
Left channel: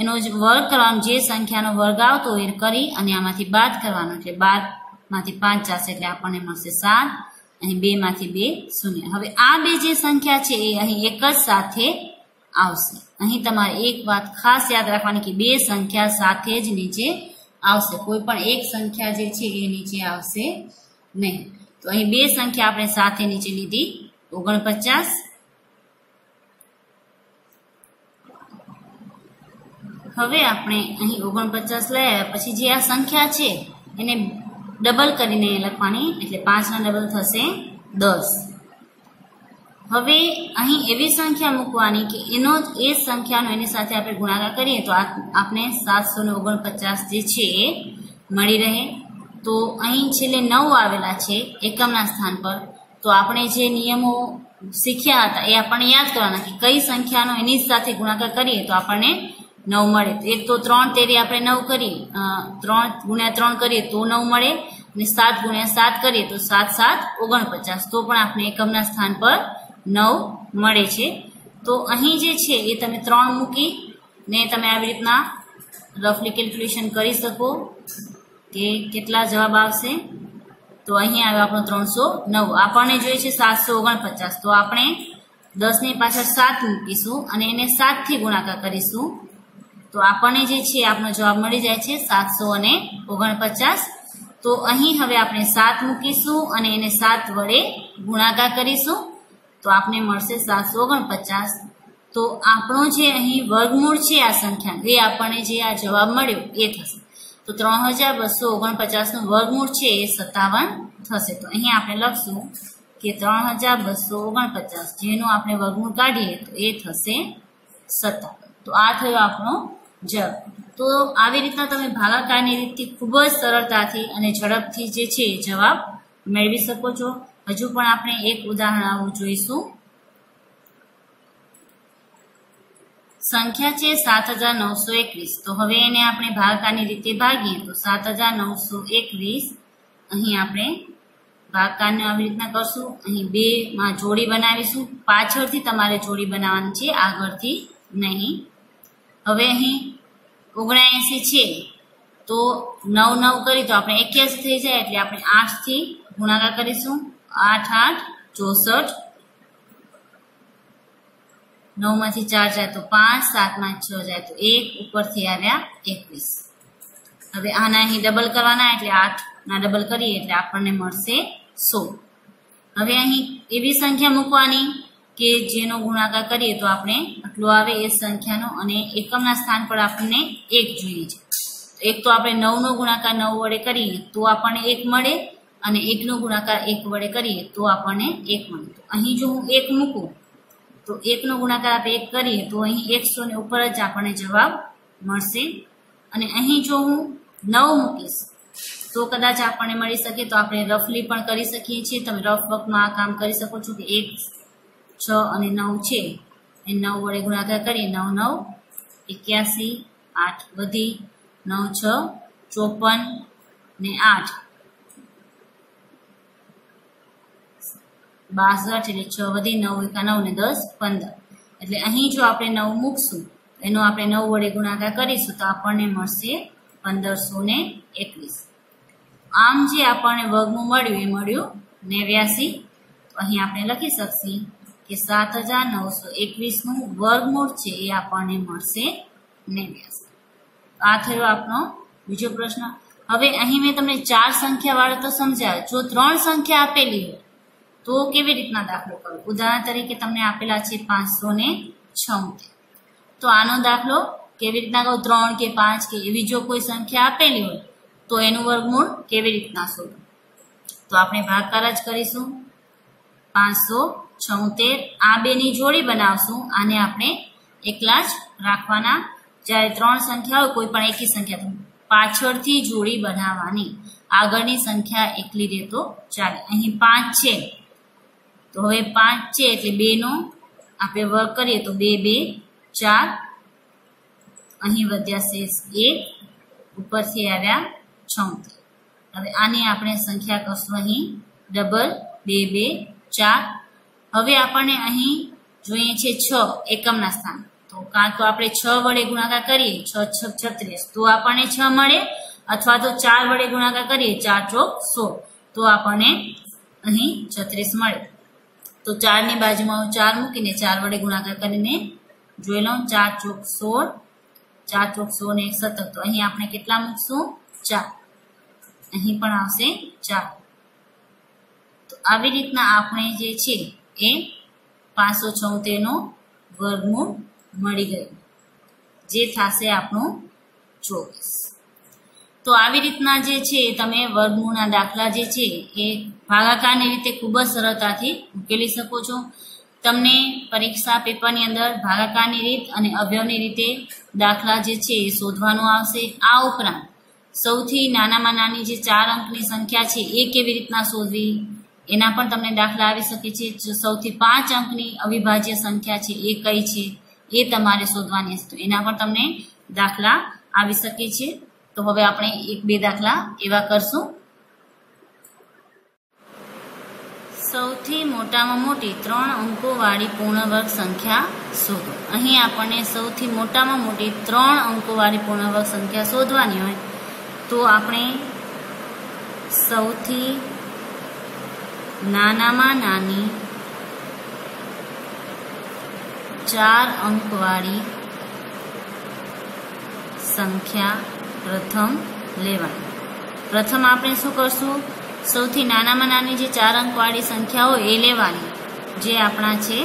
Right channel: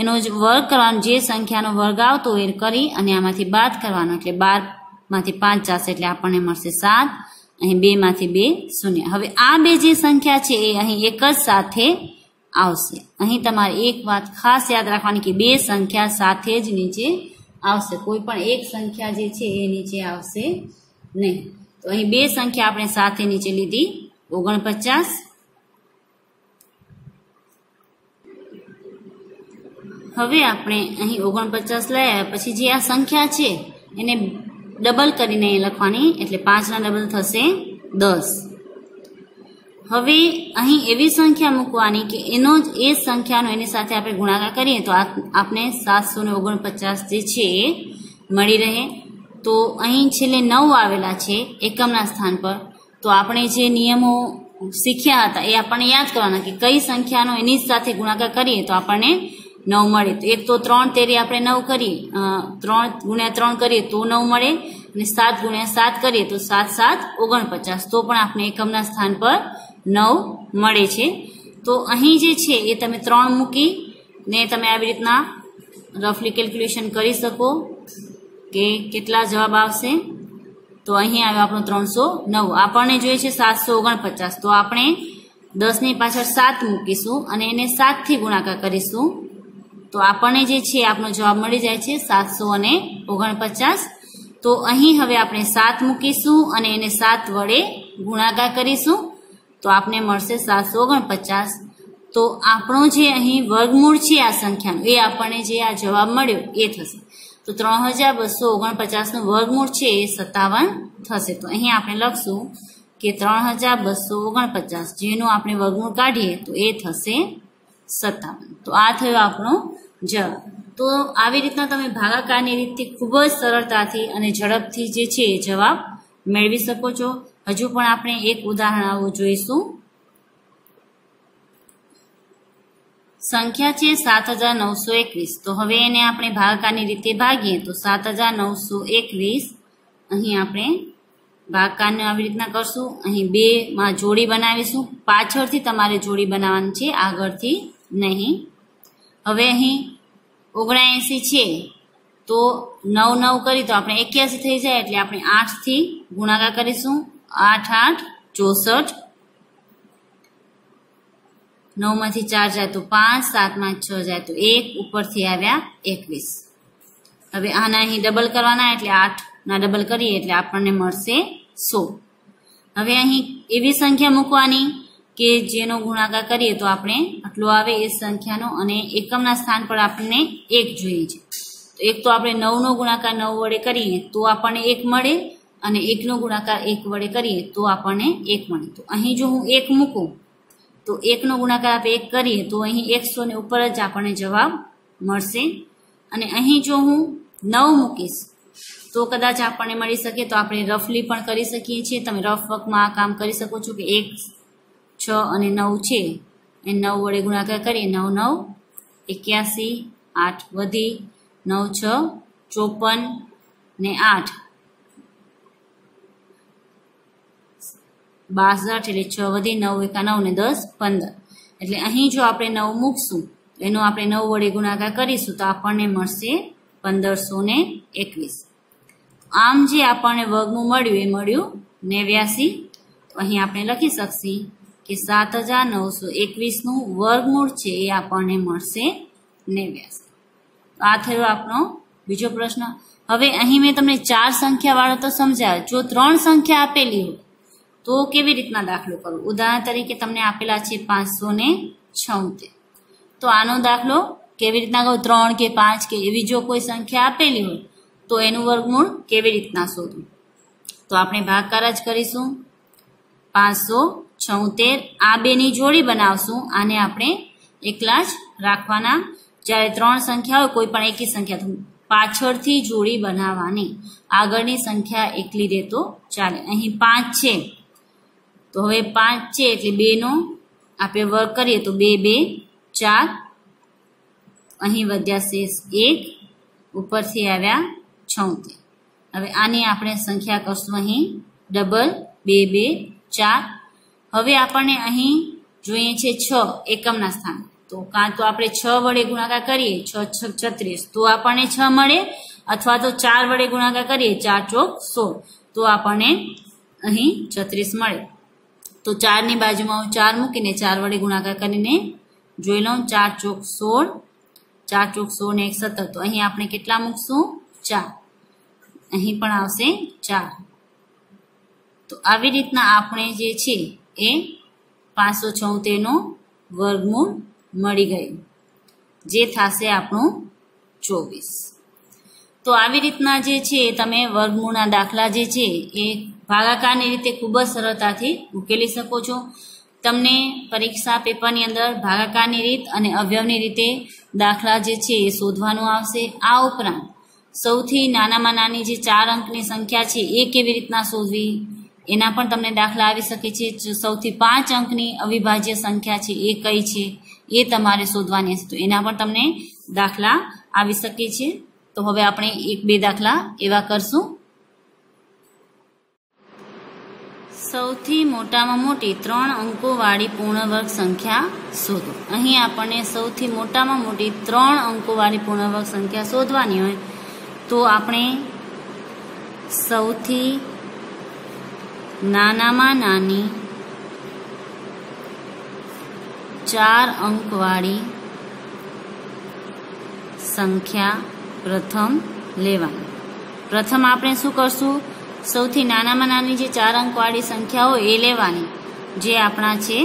એનો વર્ગ કરવાનો, જે સંખ્યાનો વર્ગ આવતો એ કરી અને આમાંથી બાદ કરવાનો. એટલે 12 માંથી 5 જશે એટલે આપણને મળશે 7. અહીં 2 માંથી 2 શૂન્ય. હવે આ બે જે સંખ્યા છે એ અહીં એક જ સાથે આવશે. અહીં તમારે એક વાત ખાસ યાદ રાખવાની કે બે સંખ્યા સાથે જ નીચે આવશે. કોઈ પણ એક સંખ્યા જે છે એ નીચે આવશે નહીં. તો અહીં બે સંખ્યા આપણે સાથે નીચે લીધી, 49. હવે આપણે અહીં 49 લઈ આવ્યા પછી જે આ સંખ્યા છે એને ડબલ કરીને લખવાની. એટલે 5 ના ડબલ થશે 10. હવે અહીં એવી સંખ્યા મૂકવાની કે એનો એ સંખ્યાનો એની સાથે આપણે ગુણાકાર કરીએ તો આપણે 749 જે છે એ મળી રહે. તો અહીં છેલ્લે 9 આવેલા છે એકમના સ્થાન પર. તો આપણે જે નિયમો શીખ્યા હતા એ આપણને યાદ કરવાના કે કઈ સંખ્યાનો એની સાથે ગુણાકાર કરીએ તો આપણને 9 મળે. તો એક તો 3 તેરી આપણે 9 કરીએ, 3 ગુણ્યા 3 કરીએ તો 9 મળે, અને 7 ગુણ્યા 7 કરીએ તો 7 7 49. તો પણ આપણે એકમના સ્થાન પર 9 મળે છે. તો અહીં જે છે એ તમે 3 મૂકી ને તમે આવી રીતના રફલી કેલ્ક્યુલેશન કરી શકો કે કેટલા જવાબ આવશે. તો અહીં આવ્યો આપણો 309. આપણને જોઈએ છે 749. તો આપણે 10 ની પાછળ 7 મૂકીશું અને એને 7 થી ગુણાકાર કરીશું. તો આપણને જે છે આપણો જવાબ મળી જાય છે 749. તો અહીં હવે આપણે 7 મૂકીશું અને એને 7 વડે ગુણાકાર કરીશું. તો આપણે મળશે 749. તો આપણો જે અહીં વર્ગમૂળ છે આ સંખ્યાનો એ આપણને જે આ જવાબ મળ્યો એ થશે. તો 3249 નું વર્ગમૂળ છે એ 57 થશે. તો અહીં આપણે લખશું કે 3249 જેનું આપણે વર્ગમૂળ કાઢીએ તો એ થશે 57. તો આ થયો આપણો જવાબ. તો આવી રીતના તમે ભાગાકારની રીતથી ખૂબ જ સરળતાથી અને ઝડપથી જે છે એ જવાબ મેળવી શકો છો. હજુ પણ આપણે એક ઉદાહરણ આવું જોઈશું. સંખ્યા છે 7921. તો હવે એને આપણે ભાગાકારની રીતે ભાગીએ તો 7921 અહીં આપણે ભાગાકારને આવી રીતના કરશું. અહીં 2 માં જોડી બનાવીશું. પાછળથી તમારે જોડી બનાવવાની છે, આગળથી નહીં. હવે અહીં 79 છે તો 9 9 કરી તો આપણે 81 થઈ જાય. એટલે આપણે 8 થી ગુણાકાર કરીશું. 8 8 64. 9 માંથી 4 જાય તો 5, 7 માં 6 જાય તો 1, ઉપરથી આવ્યા 21. હવે આના અહીં ડબલ કરવાના એટલે 8 ના ડબલ કરીએ એટલે આપણને મળશે 100. હવે અહીં એવી સંખ્યા મૂકવાની કે જેનો ગુણાકાર કરીએ તો આપણે આટલો આવે એ સંખ્યાનો, અને એકમના સ્થાન પર આપણને 1 જોઈએ છે. તો એક તો આપણે 9 નો ગુણાકાર 9 વડે કરીએ તો આપણને 1 મળે, અને 1 નો ગુણાકાર 1 વડે કરીએ તો આપણને 1 મળે. તો અહીં જો હું 1 મૂકું તો 1 નો ગુણાકાર આપણે 1 કરીએ તો અહીં 100 ને ઉપર જ આપણને જવાબ મળશે. અને અહીં જો હું 9 મૂકીશ તો કદાચ આપણને મળી શકે. તો આપણે રફલી પણ કરી શકીએ છીએ. તમે રફ વર્કમાં આ કામ કરી શકો છો કે 1 6 અને 9 છે એ 9 વડે ગુણાકાર કરીએ. 9 9 81, 8 વધી 9 6 54 ને 8 62, એટલે 6 વધી 9 1 9 ને 10 15. એટલે અહીં જો આપણે 9 મૂકશું તો એનો આપણે 9 વડે ગુણાકાર કરીશું તો આપણને મળશે 1521. આમ જે આપણને વર્ગમૂળ મળ્યું એ મળ્યું 89. તો અહીં આપણે લખી શકીએ કે 7921 નું વર્ગમૂળ છે એ આપણને મળશે 89. આ થયો આપણો બીજો પ્રશ્ન. હવે અહીં મેં તમને 4 સંખ્યા વાળો તો સમજાવ્યો. જો 3 સંખ્યા આપેલી હોય તો કેવી રીતના દાખલો કરવો. ઉદાહરણ તરીકે તમને આપેલા છે 576. તો આનો દાખલો કેવી રીતના કરો? 3 કે 5 કે એવી જો કોઈ સંખ્યા આપેલી હોય તો એનું વર્ગમૂળ કેવી રીતના શોધવું. તો આપણે ભાગાકાર જ કરીશું. 576 આ બેની જોડી બનાવશું. આને આપણે એકલા જ રાખવાના. જ્યારે 3 સંખ્યા હોય કોઈ પણ એકી સંખ્યા પાછળથી જોડી બનાવવાની, આગળની સંખ્યા એકલી દે તો ચાલે. અહીં 5 છે તો હવે 5 છે એટલે 2 નો આપણે વર્ગ કરીએ તો 2 2 4. અહીં વધ્યા શેષ 1, ઉપરથી આવ્યા 76. હવે આની આપણે સંખ્યા કરશું અહીં ડબલ 2 2 4. હવે આપણને અહીં જોઈએ છે 6 એકમના સ્થાન, તો કાં તો આપણે 6 વડે ગુણાકાર કરીએ 6 6 36 તો આપણને 6 મળે, અથવા તો 4 વડે ગુણાકાર કરીએ 4 ચોક 16 તો આપણને અહીં 36 મળે. તો 4 ની બાજુમાં હું 4 મૂકીને 4 વડે ગુણાકાર કરીને જોઈ લઉં. 4 ચોક 16, 4 ચોક 16 ને 1 17, તો અહીં આપણે કેટલા મૂકશું 4, અહીં પણ આવશે 4. તો આવી રીતના આપણે જે છે એ 576 નો વર્ગમૂળ મળી ગયું, જે થશે આપણું 24. તો આવી રીતના જે છે તમે વર્ગમૂળના દાખલા જે છે એ ભાગાકારની રીતે ખૂબ જ સરળતાથી ઉકેલી શકો છો. તમને પરીક્ષા પેપરની અંદર ભાગાકારની રીત અને અવયવની રીતે દાખલા જે છે એ શોધવાનું આવશે. આ ઉપરાંત સૌથી નાનામાં નાની જે 4 અંકની સંખ્યા છે એ કેવી રીતના શોધવી એના પણ તમને દાખલા આવી શકે છે. સૌથી 5 અંકની અવિભાજ્ય સંખ્યા છે એ કઈ છે એ તમારે શોધવાની હશે, તો એના પણ તમને દાખલા આવી શકે છે. તો હવે આપણે 1-2 દાખલા એવા કરશું. સૌથી મોટામાં મોટી 3 અંકોવાળી પૂર્ણ વર્ગ સંખ્યા શોધો. અહીં આપણને સૌથી મોટામાં મોટી 3 અંકોવાળી પૂર્ણ વર્ગ સંખ્યા શોધવાની હોય તો આપણે સૌથી નાનામાં નાની 4 અંકવાળી સંખ્યા પ્રથમ લેવાની. પ્રથમ આપણે શું કરશું, સૌથી નાનામાં નાની જે 4 અંકવાળી સંખ્યા હોય એ લેવાની, જે આપણા છે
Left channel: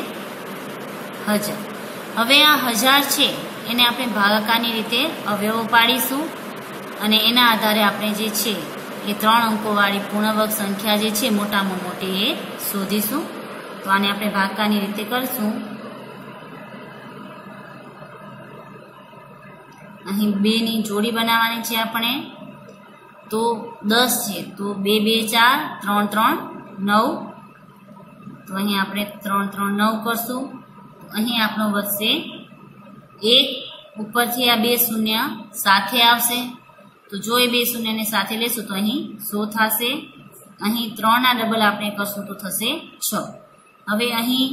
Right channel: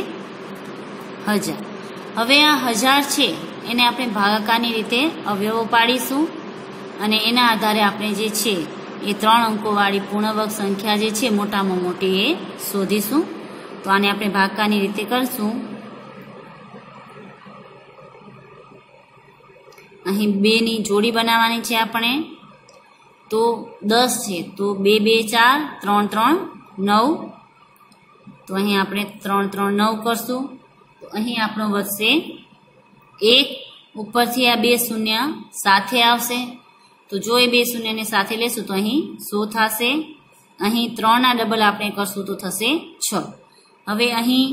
1000. હવે આ 1000 છે એને આપણે ભાગાકારની રીતે અવયવો પાડીશું અને એના આધારે આપણે જે છે એ 3 અંકોવાળી પૂર્ણવર્ગ સંખ્યા જે છે મોટામાં મોટી એ શોધીશું. તો આને આપણે ભાગાકારની રીતે કરશું. અહીં 2 ની જોડી બનાવવાની છે આપણે, તો 10 છે તો 2 2 4 3 3 9, તો અહીં આપણે 3 3 9 કરશું. તો અહીં આપણો વધશે 1, ઉપરથી આ 2 શૂન્ય સાથે આવશે, તો જો એ 2 શૂન્યને સાથે લેશું તો અહીં 100 થશે. અહીં 3 ના ડબલ આપણે કરશું તો થશે 6. હવે અહીં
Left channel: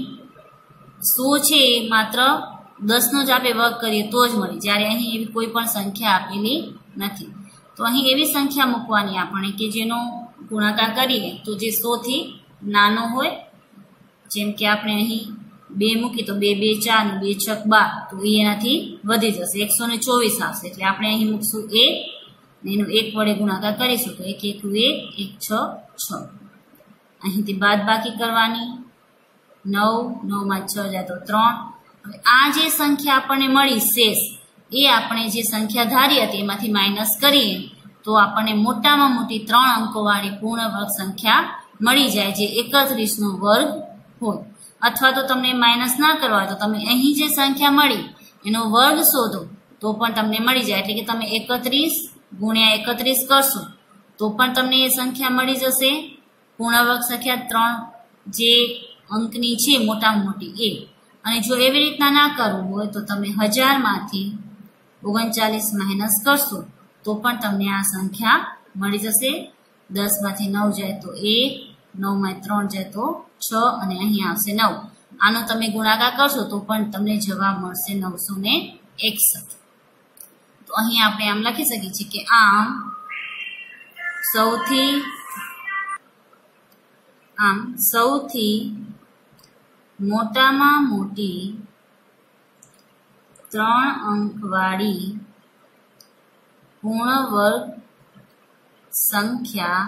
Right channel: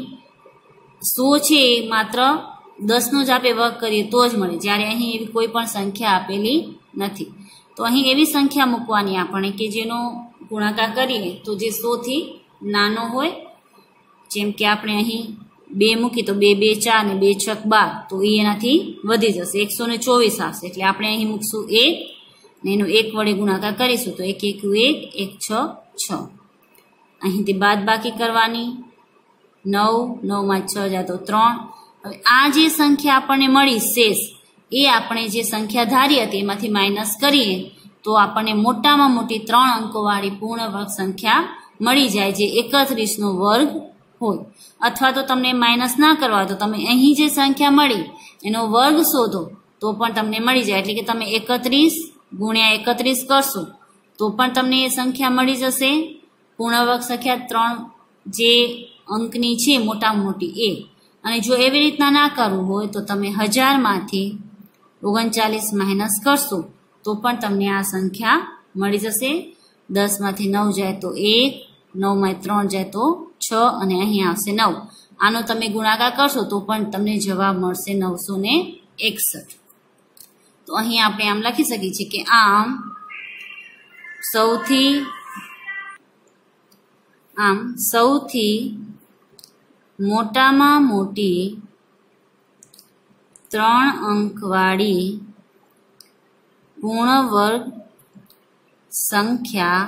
100 છે એ માત્ર 10 નો જ આપણે વર્ગ કરીએ તો જ મળે, જ્યારે અહીં એવી કોઈ પણ સંખ્યા આપેલી નથી. તો અહીં એવી સંખ્યા મૂકવાની આપણે કે જેનો ગુણાકાર કરીએ તો જે 100 થી નાનો હોય. જેમ કે આપણે અહીં 2 મૂકી તો 2 2 4 ને 2 6 12, તો એ એનાથી વધી જશે 124 આવશે. એટલે આપણે અહીં મૂકશું 1 ને એનો 1 વડે ગુણાકાર કરીશું તો 1 1 1 1 6 6. અહીંથી બાદબાકી કરવાની, 9 9 માં 6 જાય તો 3. હવે આ જે સંખ્યા આપણને મળી શેષ, એ આપણે જે સંખ્યા ધારી હતી એમાંથી માઇનસ કરીએ તો આપણને મોટામાં મોટી 3 અંકોવાળી પૂર્ણ વર્ગ સંખ્યા મળી જાય, જે 31 નો વર્ગ હોય. અથવા તો તમને માઇનસ ના કરવા તો તમે અહીં જે સંખ્યા મળી એનો વર્ગ શોધો તો પણ તમને મળી જાય. એટલે કે તમે 31 ગુણ્યા 31 કરશો તો પણ તમને એ સંખ્યા મળી જશે, પૂર્ણ વર્ગ સંખ્યા 3 જે અંકની છે મોટામાં મોટી એ. અને જો એવી રીતના ના કરવું હોય તો તમે 1000 માંથી 39 માઇનસ કરશો તો પણ તમને આ સંખ્યા મળી જશે. 10 માંથી 9 જાય તો 1, 9 માં 3 જાય તો 6 અને અહીં આવશે 9. આનો તમે ગુણાકાર કરશો તો પણ તમને જવાબ મળશે 961. તો અહીં આપણે આમ લખી શકીએ છીએ કે આમ સૌથી મોટામાં મોટી 3 અંકવાળી પૂર્ણ વર્ગ સંખ્યા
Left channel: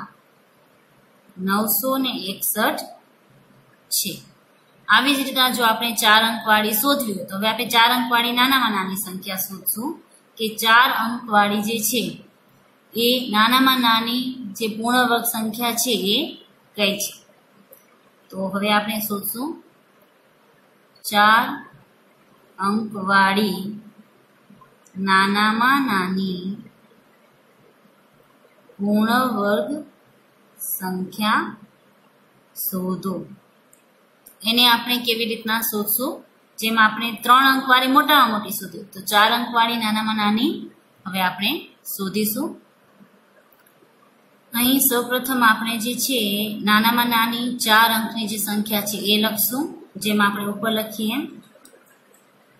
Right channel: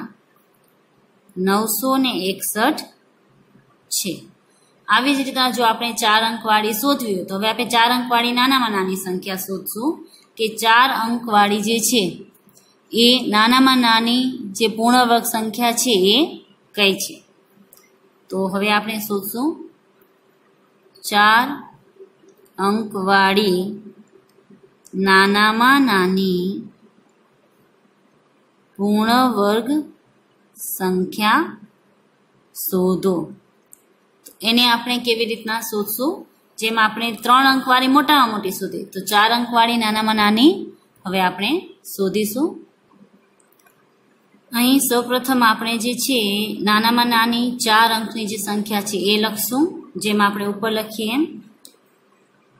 961 છે. આવી જ રીતના જો આપણે 4 અંકવાળી શોધવી હોય તો હવે આપણે 4 અંકવાળી નાનામાં નાની સંખ્યા શોધશું કે 4 અંકવાળી જે છે એ નાનામાં નાની જે પૂર્ણ વર્ગ સંખ્યા છે એ કઈ છે. તો હવે આપણે શોધશું 4 અંકવાળી નાનામાં નાની પૂર્ણ વર્ગ સંખ્યા શોધો. એને આપણે કેવી રીતના શોધશું, જેમ આપણે 3 અંકવાળી મોટામાં મોટી શોધી તો 4 અંકવાળી નાનામાં નાની હવે આપણે શોધીશું. અહીં સૌપ્રથમ આપણે જે છે નાનામાં નાની 4 અંકની જે સંખ્યા છે એ લખશું, જેમ આપણે ઉપર લખીએ એમ.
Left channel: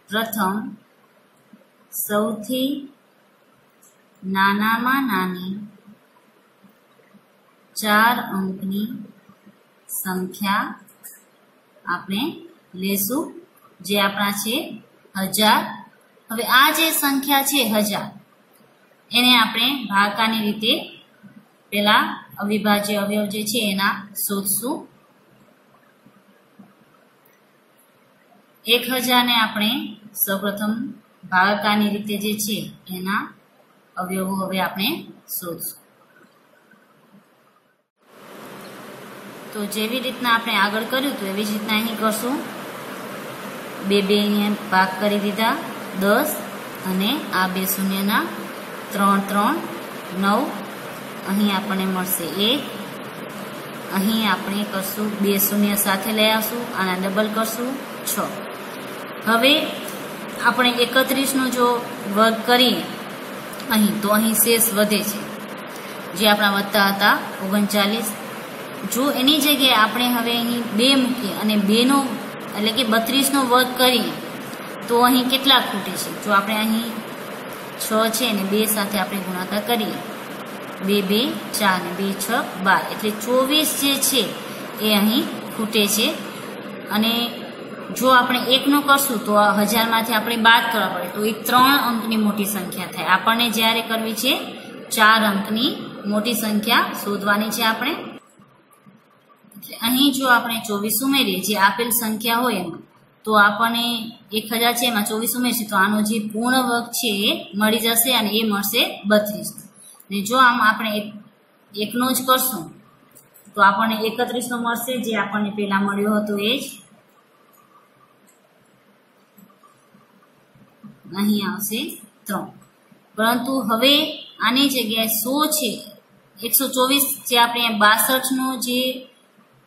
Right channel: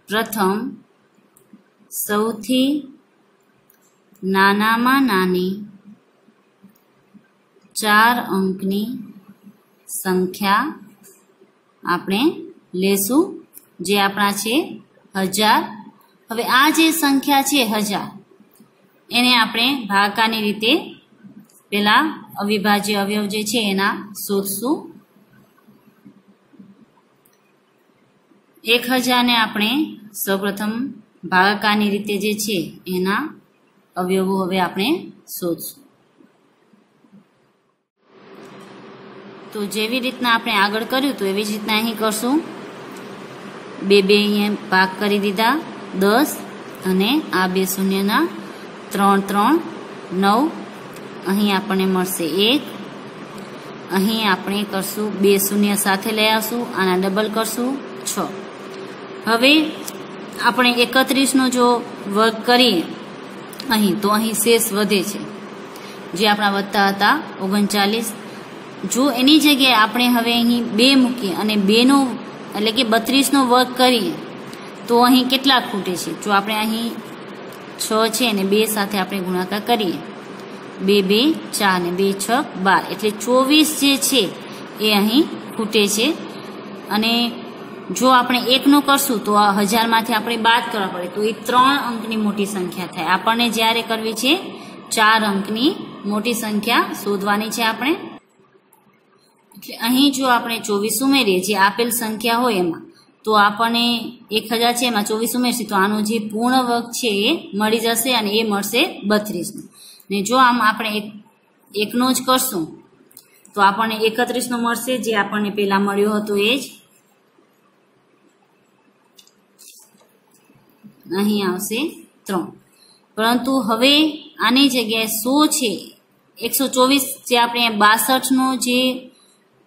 પ્રથમ સૌથી નાનામાં નાની 4 અંકની સંખ્યા આપણે લેશું, જે આપણા છે 1000. હવે આ જે સંખ્યા છે 1000, એને આપણે ભાગાકારની રીતે પેલા અવિભાજ્ય અવયવ જે છે એના શોધશું. 1000 ને આપણે સૌપ્રથમ ભાગાકારની રીતે જે છે એના અવયવો હવે આપણે શોધશું. તો જેવી રીતના આપણે આગળ કર્યું હતું એવી જ રીતના અહીં કરશું. 2 અહીંયા ભાગ કરી દીધા 10, અને આ 2 શૂન્યના 3 3 9. અહીં આપણને મળશે 1. અહીં આપણે કરશું 2 શૂન્ય સાથે લઈ આવશું, આના ડબલ કરશું 6. હવે આપણે 31નો જો વર્ગ કરીએ અહીં, તો અહીં શેષ વધે છે, જે આપણા વધતા હતા 39. જો એની જગ્યાએ આપણે હવે અહીં 2 મૂકીએ અને 2નો એટલે કે 32નો વર્ગ કરીએ તો અહીં કેટલા ખૂટે છે? જો આપણે અહીં 6 છે અને 2 સાથે આપણે ગુણાકાર કરીએ, 2 2 4 ને 2 6 12, એટલે 24 જે છે એ અહીં ખૂટે છે. અને જો આપણે 1નો કરશું તો 1000માંથી આપણે બાદ કરવા પડે, તો એ 3 અંકની મોટી સંખ્યા થાય. આપણને જ્યારે કરવી છે 4 અંકની મોટી સંખ્યા શોધવાની છે આપણે. એટલે અહીં જો આપણે 24 ઉમેરીએ જે આપેલ સંખ્યા હોય એમાં, તો આપણને 1000 છે એમાં 24 ઉમેરશે તો આનો જે પૂર્ણ વર્ગ છે એ મળી જશે, અને એ મળશે 32નો. ને જો આમ આપણે 1નો જ કરશું તો આપણને 31નો મળશે, જે આપણને પહેલા મળ્યો હતો એ જ. અહીં આવશે 3. પરંતુ હવે આની જગ્યાએ 100 છે 124, જે આપણે 62નો જે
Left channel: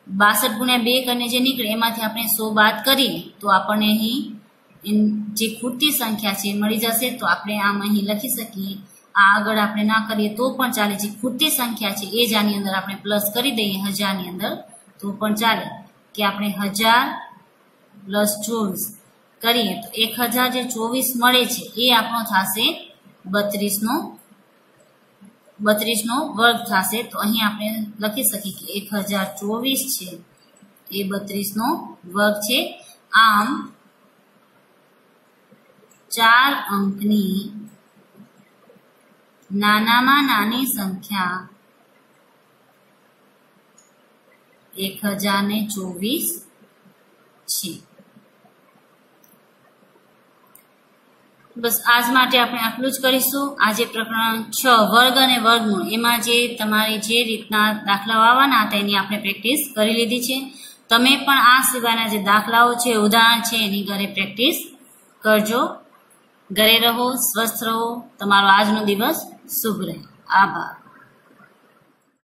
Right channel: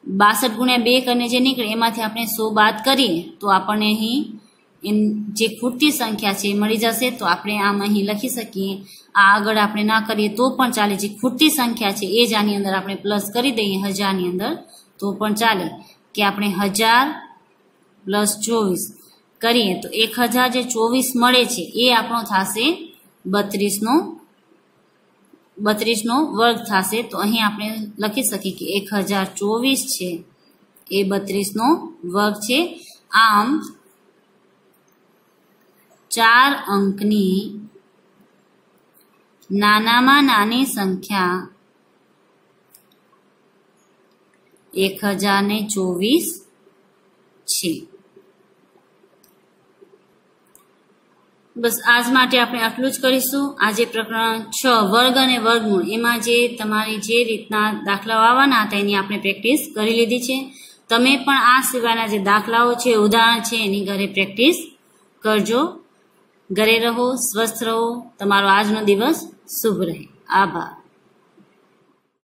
62 ગુણ્યા 2 કરીને જે નીકળે એમાંથી આપણે 100 બાદ કરીએ તો આપણને અહીં જે ખૂટતી સંખ્યા છે એ મળી જશે. તો આપણે આમ અહીં લખી શકીએ. આ આગળ આપણે ના કરીએ તો પણ ચાલે, જે ખૂટતી સંખ્યા છે એ જ આની અંદર આપણે પ્લસ કરી દઈએ 1000ની અંદર તો પણ ચાલે, કે આપણે 1000 પ્લસ 24 કરીએ તો 1000 જે 24 મળે છે એ આપણો થશે 32નો વર્ગ થશે. તો અહીં આપણે લખી શકીએ કે 1024 છે એ 32નો વર્ગ છે. આમ 4 અંકની નાનામાં નાની સંખ્યા 1024 છે. બસ આજ માટે આપણે આટલું જ કરીશું. આજે પ્રકરણ 6 વર્ગ અને વર્ગમૂળ, એમાં જે તમારે જે રીતના દાખલાઓ આવવાના હતા એની આપણે પ્રેક્ટિસ કરી લીધી છે. તમે પણ આ સિવાયના જે દાખલાઓ છે, ઉદાહરણ છે, એની ઘરે પ્રેક્ટિસ કરજો. ઘરે રહો, સ્વસ્થ રહો. તમારો આજનો દિવસ શુભ રહે. આભાર.